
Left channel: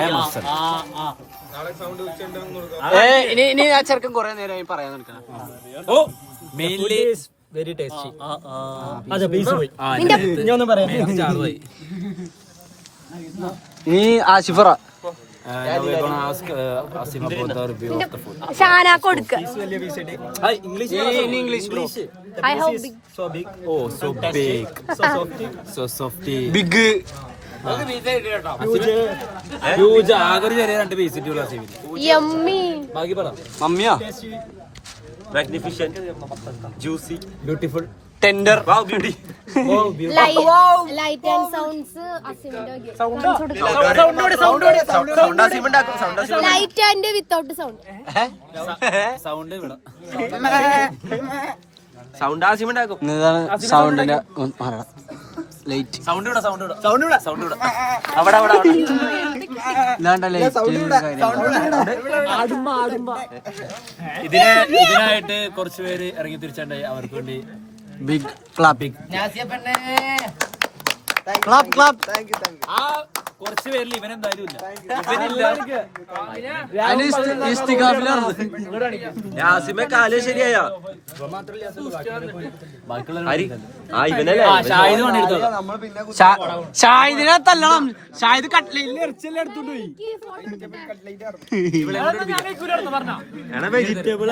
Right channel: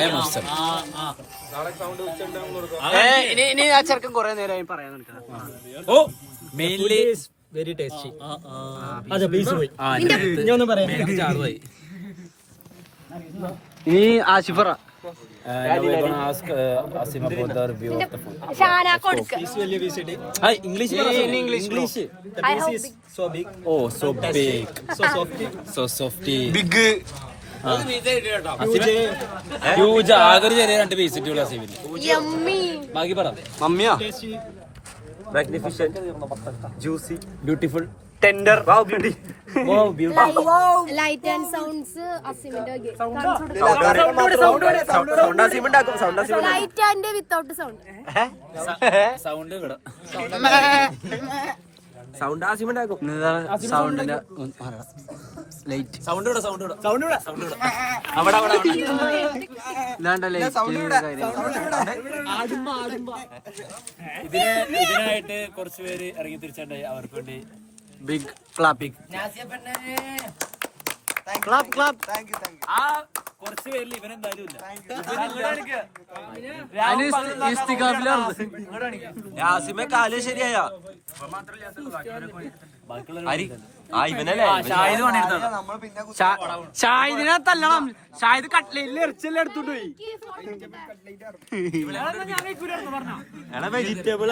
I am upset. ഇനി ആ ചെറുക്കൻ കുറെ നേരമായി പറയാൻ നിൽക്കണം. ഓ മെയിൻലി വെരി ടേസ്റ്റി. ചാറുതായി. ഇനി ആഷിഫറ. Now we're gonna ask Asim about the review of the food. Shana കൊടുക്ക. Hi, English. English bro. I hope big. Oh, so big. So softy. Big. Huge. ആകെ ചെറിയ 2 പീസ് ഇട്ടുള്ള അസീമിന്. Yummy. ബാക്കി പറ. മമ്മിയാ? Magnificent, juicy, beautiful. Tender. wow, beauty. Light and sounds അസിമിന്റെ light and without sound. Sound ഇവിടെ. Sound Asim ഉണ്ടാക്കും. ഇതാണ് സൗണ്ടിന്റെ light. Sound ഇവിടെ. അവിടെ. ഇതാണ്ട ലൈറ്റ്. ഇതിനായിട്ട് കുറച്ച് പേര് ഇറങ്ങി തിരിച്ചുണ്ടായി. അവർക്ക് വേണ്ടി ബിഗ് ക്ലാപ്പ്. ക്ലാപ്പ്. ആ കുറച്ച് പേരിൽ ഇവനെന്തായാലും ഇല്ല. യാസിമെ കാല് ശരിയായ ഷാഹിദ് പണിയെടുത്തത്. ഷാഹിദിനെ തല്ലണം. ഷാഹിദ് കട്ട്ലേറ്റിൽ ഇറച്ചെല്ലാം എടുത്തോണ്ട് പോയി. Vegetable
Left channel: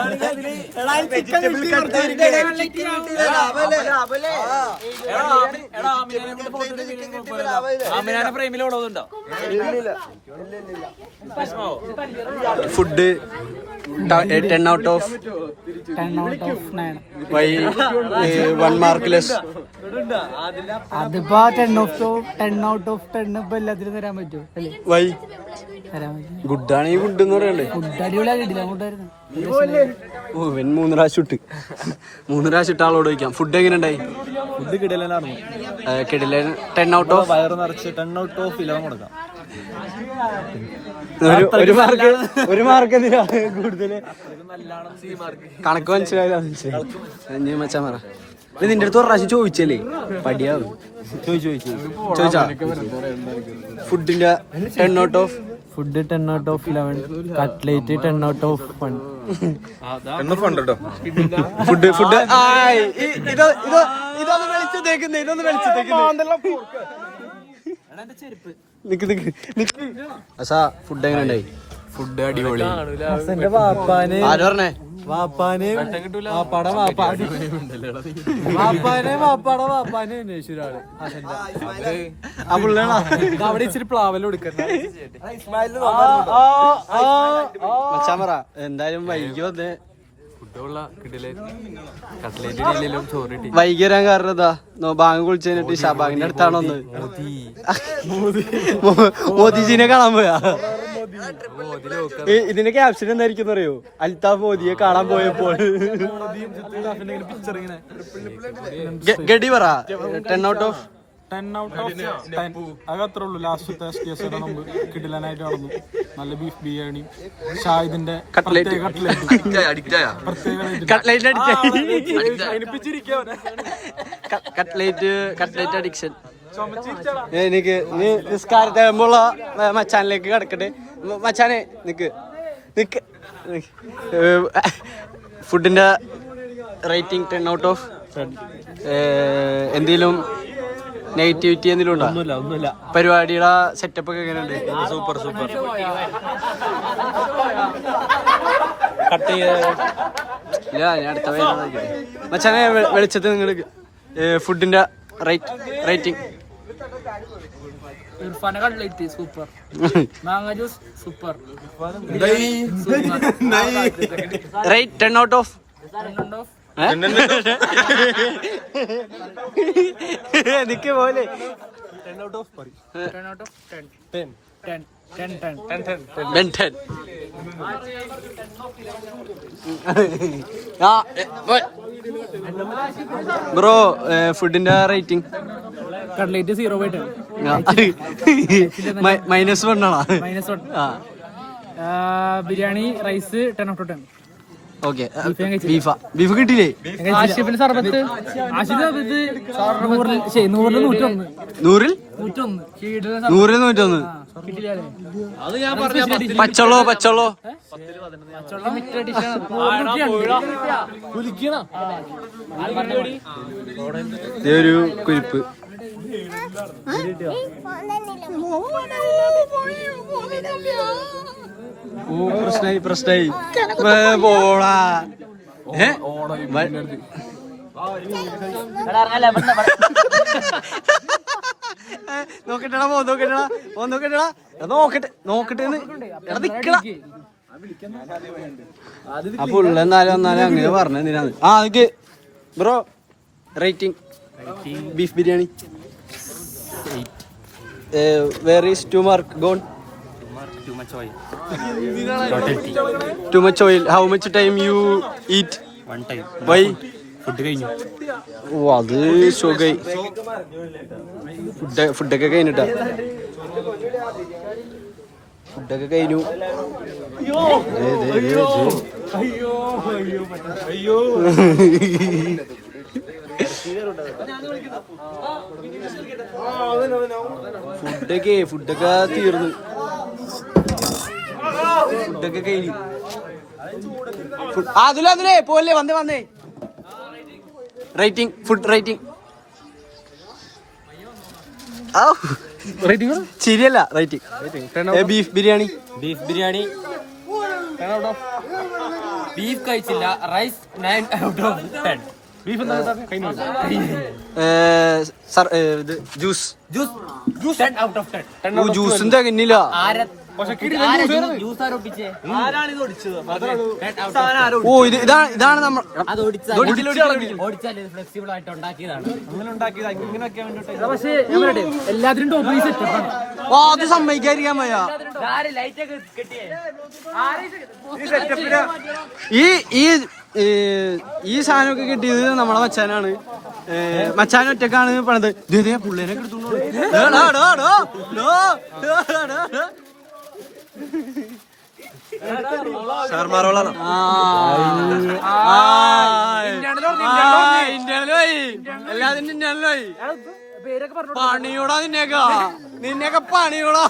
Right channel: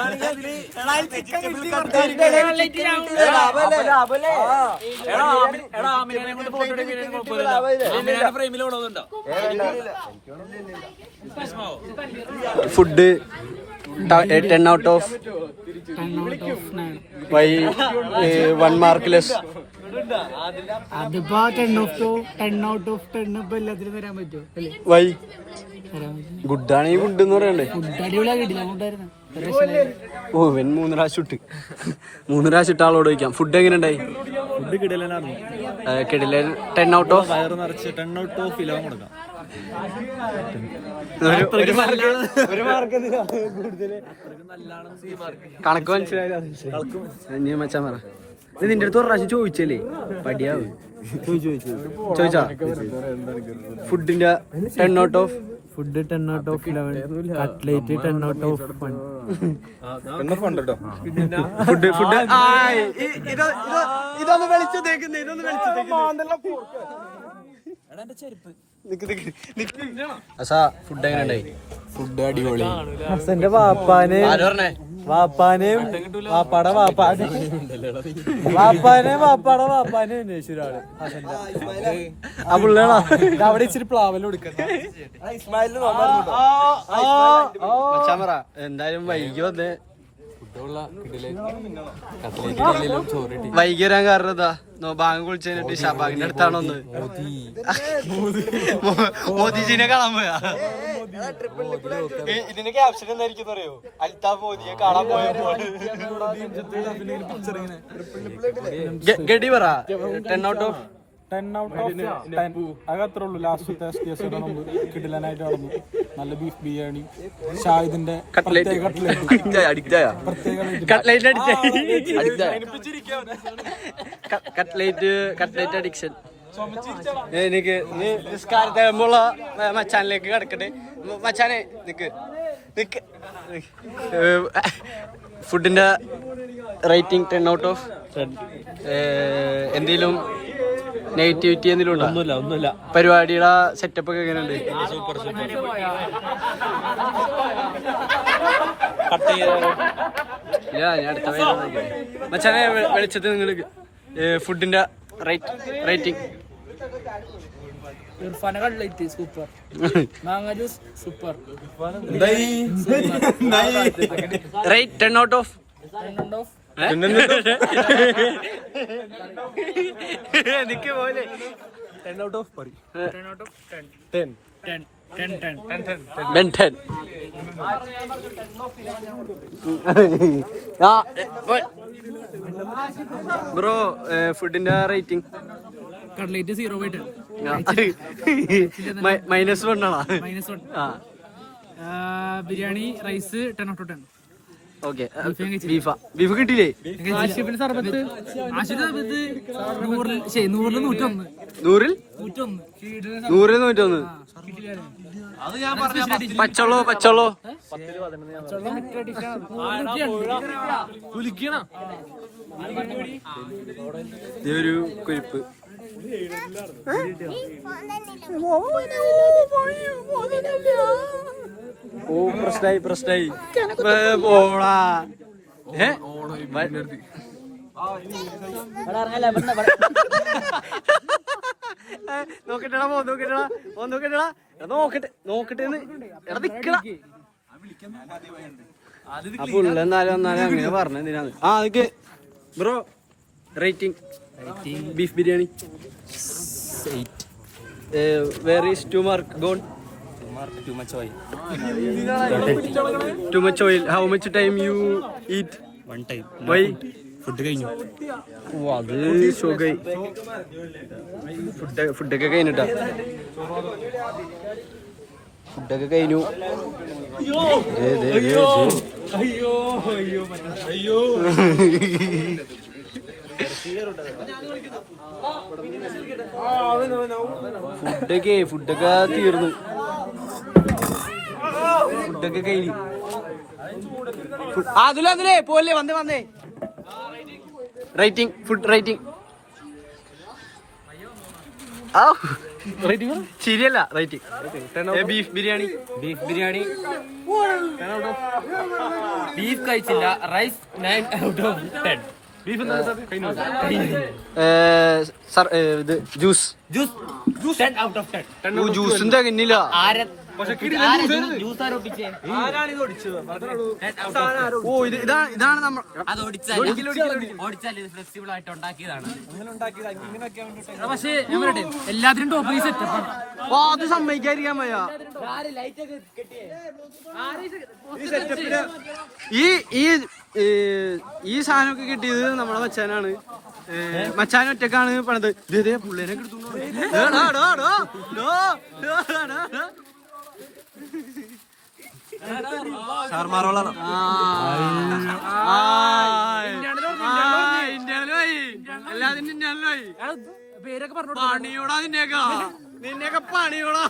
food 10 out of 9. Why 1 mark less. അതിപ്പോ 10 out of 10 ഇപ്പൊ എല്ലാത്തിലും തരാൻ പറ്റുമോ അല്ലേ? വൈ തരാൻ പറ്റും. ഗുഡ് ആണെങ്കിൽ ഗുഡ് എന്ന് പറയണ്ടേ? ഫുഡ് അടിപൊളിയാ കിട്ടില്ല. അങ്ങോട്ടായിരുന്നു ഓ ഇവൻ 3 പ്രാവശ്യം ഇട്ട് 3 പ്രാവശ്യം ഇട്ട് ആളോട് ചോദിക്കാം. ഫുഡ് എങ്ങനെ ഉണ്ടായി? ഫുഡ് കിടലായിരുന്നു. കിടില. 10 ഔട്ട് ഓഫ് വയറ് നിറച്ച് 10 out of 11 കൊടുക്കാം. ഒരു മാർക്ക് കൂടുതൽ കണക്ക് മനസ്സിലാവില്ല. മച്ചാൻ പറ. നിന്റെ അടുത്ത് ഒരു പ്രാവശ്യം ചോദിച്ചല്ലേ? പടിയാവും. ചോദിച്ചാ ഫുഡിന്റെ 10 out of food 10 out of 11. Cutlet 10 out of 1. Food ഇതൊന്ന് വെളിച്ചത്തേക്കുന്നു ഫുഡ് എങ്ങനെയുണ്ടായി? ഫുഡ് അടിപൊളി. ഹസന്റെ വാപ്പാനെയും അന്വേഷിച്ചു ഒരാള് ഹസന്റെ. ആ പുള്ളിയാണോ? അവിടെ ഇച്ചിരി പ്ലാവല് കൊടുക്കുന്നത്. മച്ചാമറ എന്തായാലും വൈകി വന്നേ. വൈകി വരാൻ കാരണം എന്താ? ബാങ്ക് കുളിച്ചു കഴിഞ്ഞിട്ട് ഷാബാഗിന്റെ അടുത്താണോ ഒന്ന് മോദിജിനെ കാണാൻ പോയാ? ഇതിന്റെ ക്യാപ്ഷൻ എന്തായിരിക്കും അറിയോ? അൽത്താഫ് മോദിയെ കാണാൻ പോയപ്പോൾ. ഗഡി പറ 10 out of 10 out of 10. അതത്രേ ഉള്ളൂ. ലാസ്റ്റത്തെ STS മുമ്പ് കിടിലനായിട്ട് നടന്നു. നല്ല ബീഫ് ബിരിയാണി, ഷാഹിദിന്റെ കട്ട്ലേറ്റ് അഡിക്ഷൻ. എനിക്ക് നിസ്കാരത്തെ മുമ്പുള്ള മച്ചാനിലേക്ക് കിടക്കട്ടെ. മച്ചാനെ നിക്ക് ഫുഡിന്റെ റേറ്റിംഗ് 10 out of 10. എന്തെങ്കിലും നെഗറ്റിവിറ്റി എന്തെങ്കിലും ഉണ്ടോ? ഒന്നുമില്ല. പരിപാടിയുടെ സെറ്റപ്പ് ഒക്കെ എങ്ങനെയുണ്ട്? സൂപ്പർ ഇല്ല, ഞാൻ അടുത്ത മച്ചാനെ വെളിച്ചത്ത് നിങ്ങൾ ഫുഡിന്റെ റേറ്റിംഗ്. ഇർഫാന കട്ട്ലേറ്റ് സൂപ്പർ, മാങ്ങ juice super. Rate 10 out of എനിക്ക് പോലെ 10 out of 10. 10. ബ്രോ ഫുഡിന്റെ റേറ്റിംഗ്? കട്ട്ലേറ്റ് 0/10. -1 ആണോ? -1. Biryani rice 10 out of 10. Okay. Beef കിട്ടിയില്ലേ? ആഷിഫിന് സർബത്ത് 100-101. 100-101. പച്ചവെള്ളോ ഒരു കുരിപ്പ്. ഓ പ്രശ്നായി പോടാ. നോക്കട്ടെടാ നോക്കട്ടെ അപ്പൊ എന്നാലും അങ്ങനെ പറഞ്ഞതിനാണ്. എനിക്ക് bro rating beef biryani 8. Where is 2 mark gone? Too much oil. Too much oil. How much time you eat? 1 time. Why? Food കഴിഞ്ഞു. ഓ അത് സുഖായി. ഫുഡൊക്കെ കഴിഞ്ഞിട്ടാ. ഫുഡൊക്കെ കഴിഞ്ഞു. ഫുഡൊക്കെ തീർന്നു. ഫുഡൊക്കെ കഴിഞ്ഞു. അതിലേ പോലെ വന്നേ റേറ്റിംഗ് ഫുഡ് റേറ്റിംഗ്. ശരിയല്ല rating. Beef biryani 10 out of. Beef കഴിച്ചില്ല. Rice 9 out of 10. Juice 10 out of 10. ജ്യൂസും തികഞ്ഞില്ല. ഓ ഇതാണ് നമ്മൾ ഫ്ലെക്സിബിൾ ആയിട്ട് ഉണ്ടാക്കിയതാണ്. പക്ഷേ എല്ലാത്തിനും ടോപ്പ് സെറ്റപ്പാണ്. അത് സമ്മതിക്കാതിരിക്കാൻ വയ്യ. ഈ സാധനമൊക്കെ കിട്ടിയത് നമ്മളെ മച്ചാനാണ്. മച്ചാൻ ഒറ്റക്കാണ് പണിത്. പുള്ളിനെ എല്ലാത്തിനും ഇന്ത്യയിലോയി പണിയോടാ. നിന്നെയൊക്കെ പണിയോടാ.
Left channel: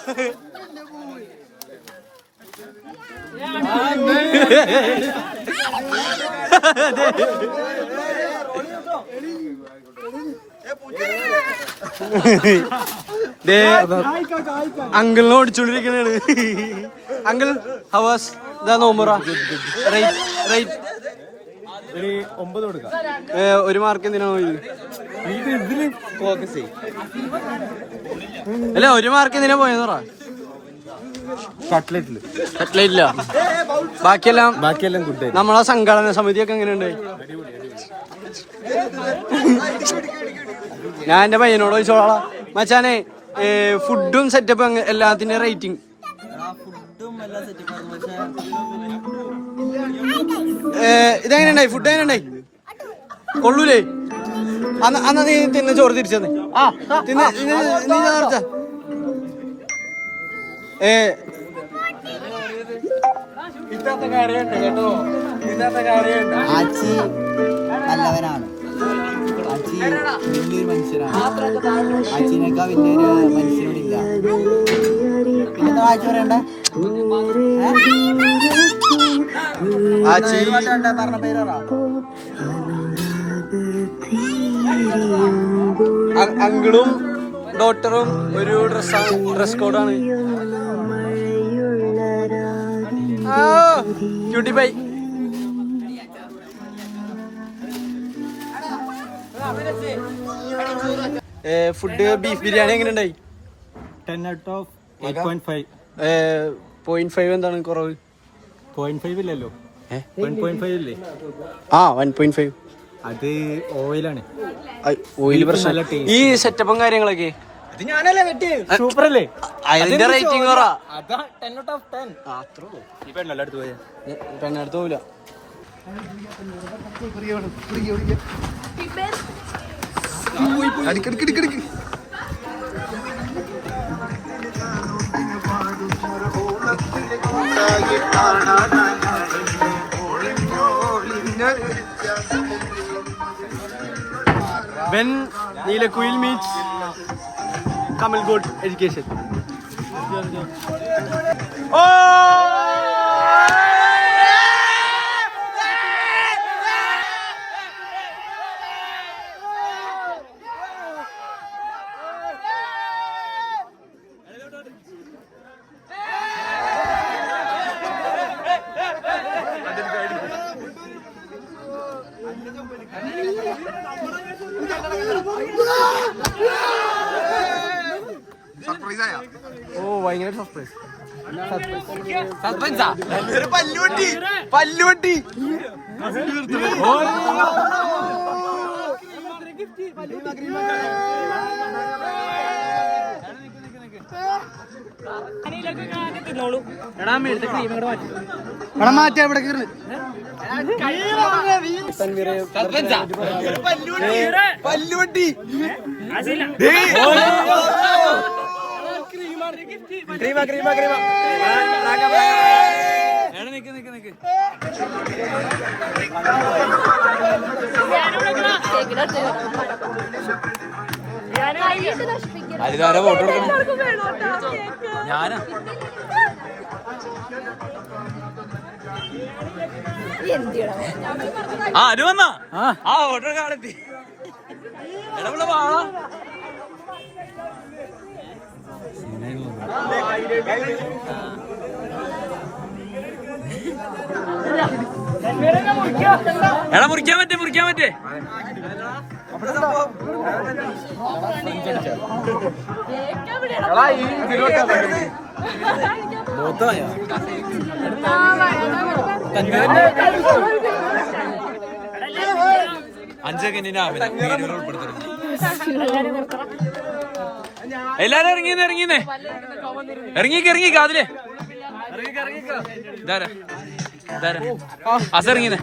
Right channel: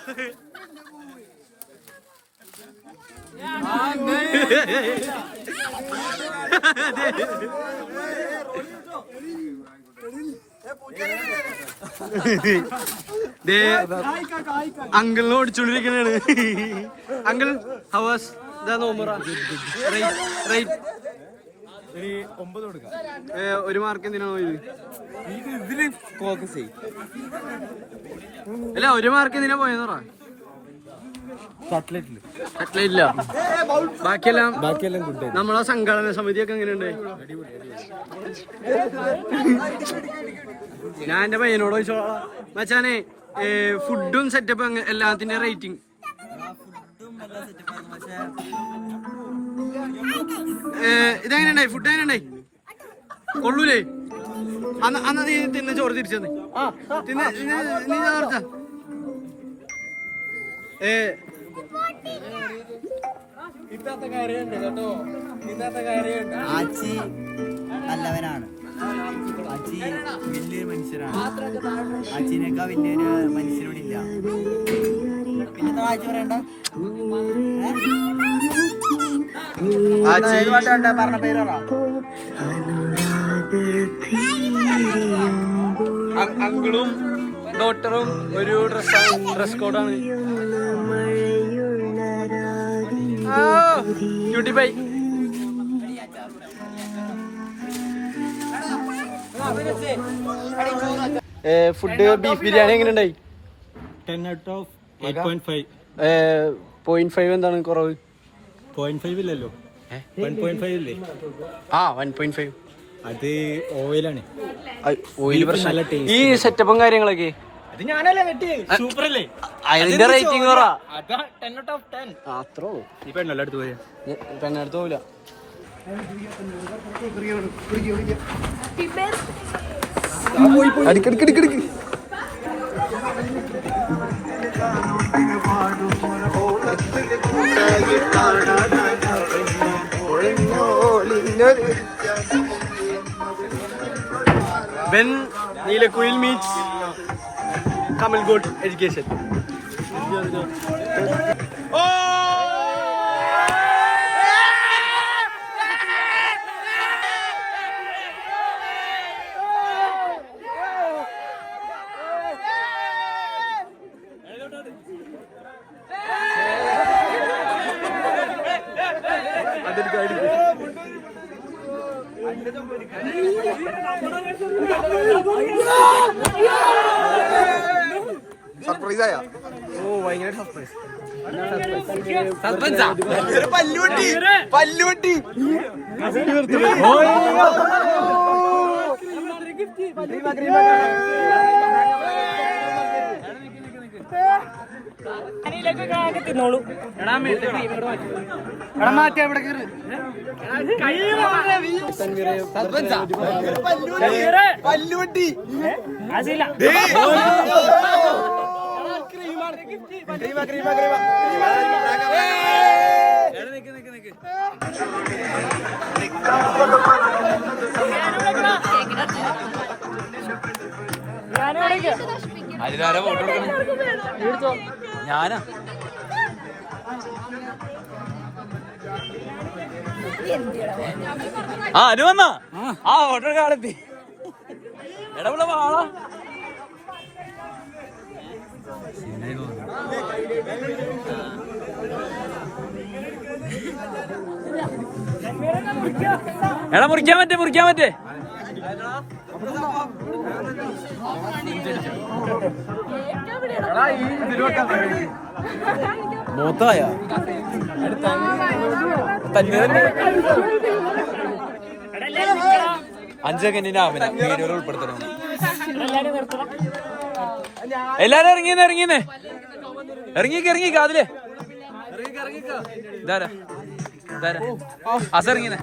അങ്കിളിനെ ഓടിച്ചോണ്ടിരിക്കണാണ്. അങ്കിൾ ഹവേഴ്സ് ഇതാ നോമ്പറ റേറ്റ് 9 കൊടുക്കാം. 1 മാർക്ക് എന്തിനാണോ ഇത്? ഇതില് ഫോക്കസ് ചെയ്യും. അല്ല 1 മാർക്ക് എന്തിനാ പോയെന്ന് പറ. കട്ട്ലേറ്റില്ല, ബാക്കിയെല്ലാം ഗുഡ്. നമ്മളെ സംഘടന സമിതിയൊക്കെ എങ്ങനെയുണ്ട്? ഞാൻ എന്റെ പയ്യനോട് ചോദിച്ചോളാ മച്ചാനെ, ഫുഡും സെറ്റപ്പ് എല്ലാത്തിന്റെ റേറ്റിംഗ് ഇതെങ്ങനെയുണ്ടായി? ഫുഡ് എങ്ങനെയുണ്ടായി? കൊള്ളൂലേ? അന്ന് നീ തിന്ന ചോറ് തിരിച്ചെന്ന് നീ ചോദിച്ച ആച്ചി നല്ലവനാണ്. ആച്ചി വലിയൊരു മനുഷ്യനാണ്. ആച്ചിനേക്കാൾ വലിയൊരു മനുഷ്യനോടില്ല. പിന്നെ ആച്ചി പറയണ്ട. പറഞ്ഞ പേര് അങ്കിളും ഡോക്ടറും ഒരു ഡ്രസ് കോഡാണ്. Cutie bye. Food beef biryani എങ്ങനെ ഉണ്ടായി? 10 out of 8.5. 0.5 എന്താണ് കുറവ്? 0.5 ഇല്ലല്ലോ, 1.5 ഇല്ലേ? 1.5 അത് ഓയിലാണ്. ഓയിൽ പ്രശ്നം. ഈ സെറ്റപ്പും കാര്യങ്ങളൊക്കെ അത് ഞാനല്ലേ വെട്ടി. സൂപ്പർ അല്ലേ? അതിന്റെ റേറ്റിംഗ് പറ. അതാ 10 out of 10. അത്രേ ഉള്ളൂ. ഈ പെണ്ണല്ലേ അടുത്ത് പോയി പെണ്ണെടുത്ത് പോവില്ല. അടിക്കടിക്കടിക്കടിക്ക് When Neelakuil meets Kamal Goat Education. Surprise ആയ? ഓ ഭയങ്കര സർപ്രൈസ്. പല്ലുവട്ടി പല്ലുവട്ടി അതിലാരാ വോട്ട് കൊടുക്കണം? ഞാനാ. അനു വന്നാ ഓട്ടോ കാലത്തി ഇടപെട വാളാ. എടാ മുറിക്കാൻ പറ്റേ മൂത്തായ അഞ്ച് സെക്കൻഡിന്റെ ആമിന വീഡിയോയിൽ ഉൾപ്പെടുത്തണം. എല്ലാരും ഇറങ്ങിക്ക് അതിലേ ഇതാരാ അസിറങ്ങിനെ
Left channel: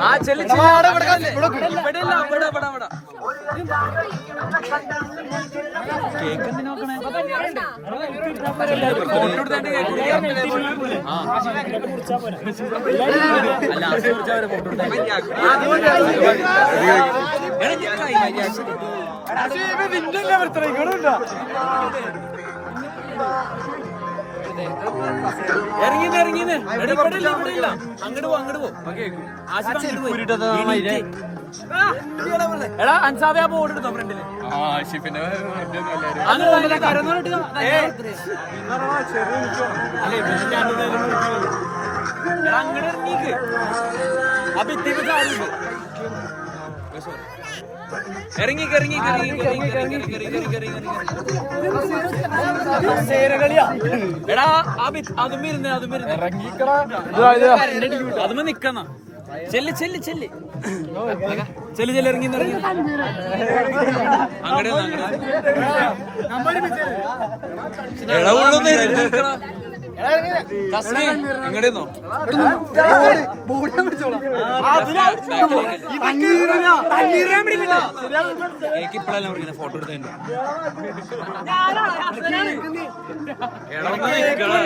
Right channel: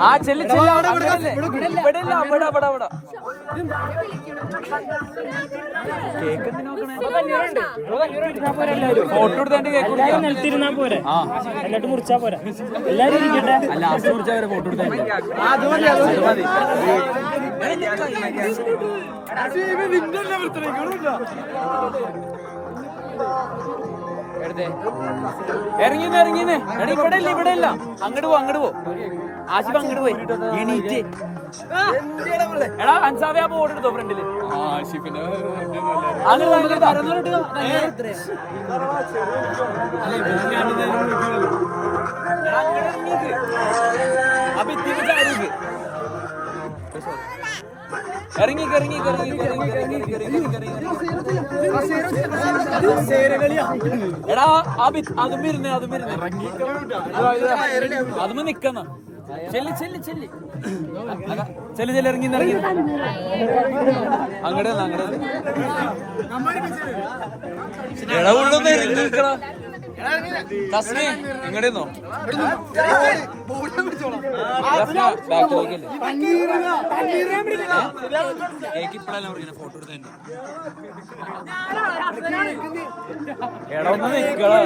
ആ ചെല്ലു കേക്ക് എന്തിനാ നോക്കണേ ഫോട്ടോ എടുത്തതിന്റെ ഇറങ്ങിന്ന് ഇവിടെ ഇല്ല അങ്ങോട്ട് പോ ആശിഫ് അങ്ങോട്ട് പോയി എടാ അൻസാബെ ആ ബോർഡ് എടുത്തോ ഫ്രണ്ടില് അങ്ങോട്ട് ഇറങ്ങിക്ക് ആ ഭിത്തിക്ക് ചാരിക്ക് ഇറങ്ങി എടാ അതും നിക്കണ ചെല്ല് ഇറങ്ങി അങ്ങടെ എടാ ഉള്ളൊന്ന് ഇറങ്ങിക്കടാ തസ്മി ഇങ്ങടെന്നോ ഫോട്ടോ എടുത്തോ എടാ ഒന്ന് നിക്കളാ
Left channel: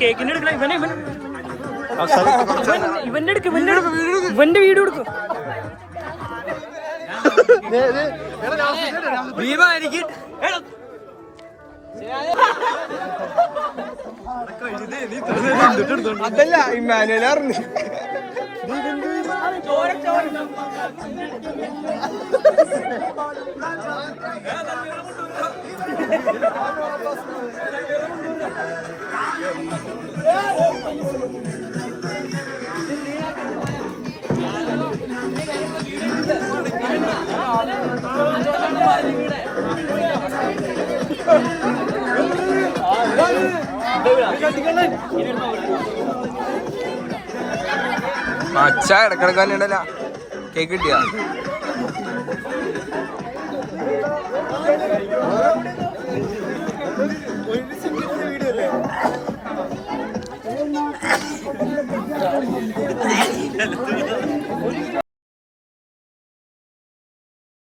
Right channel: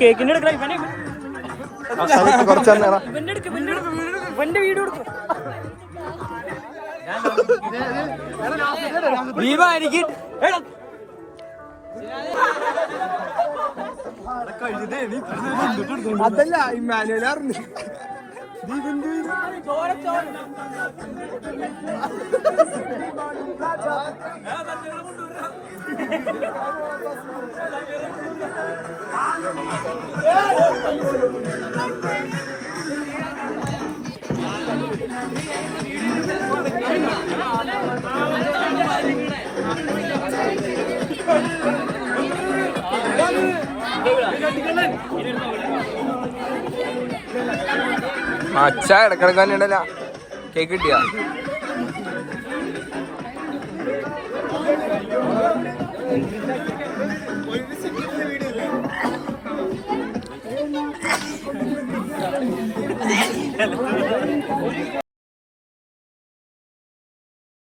കേക്കിന്റെ ഇവന്റെ വീഡിയോ എടുക്കും അതല്ല ഇമ്മാനുവൽ അറിഞ്ഞു അച്ഛ ഇടക്കിടക്ക് തന്നെ ഉണ്ടല്ല കേക്ക് കിട്ടിയ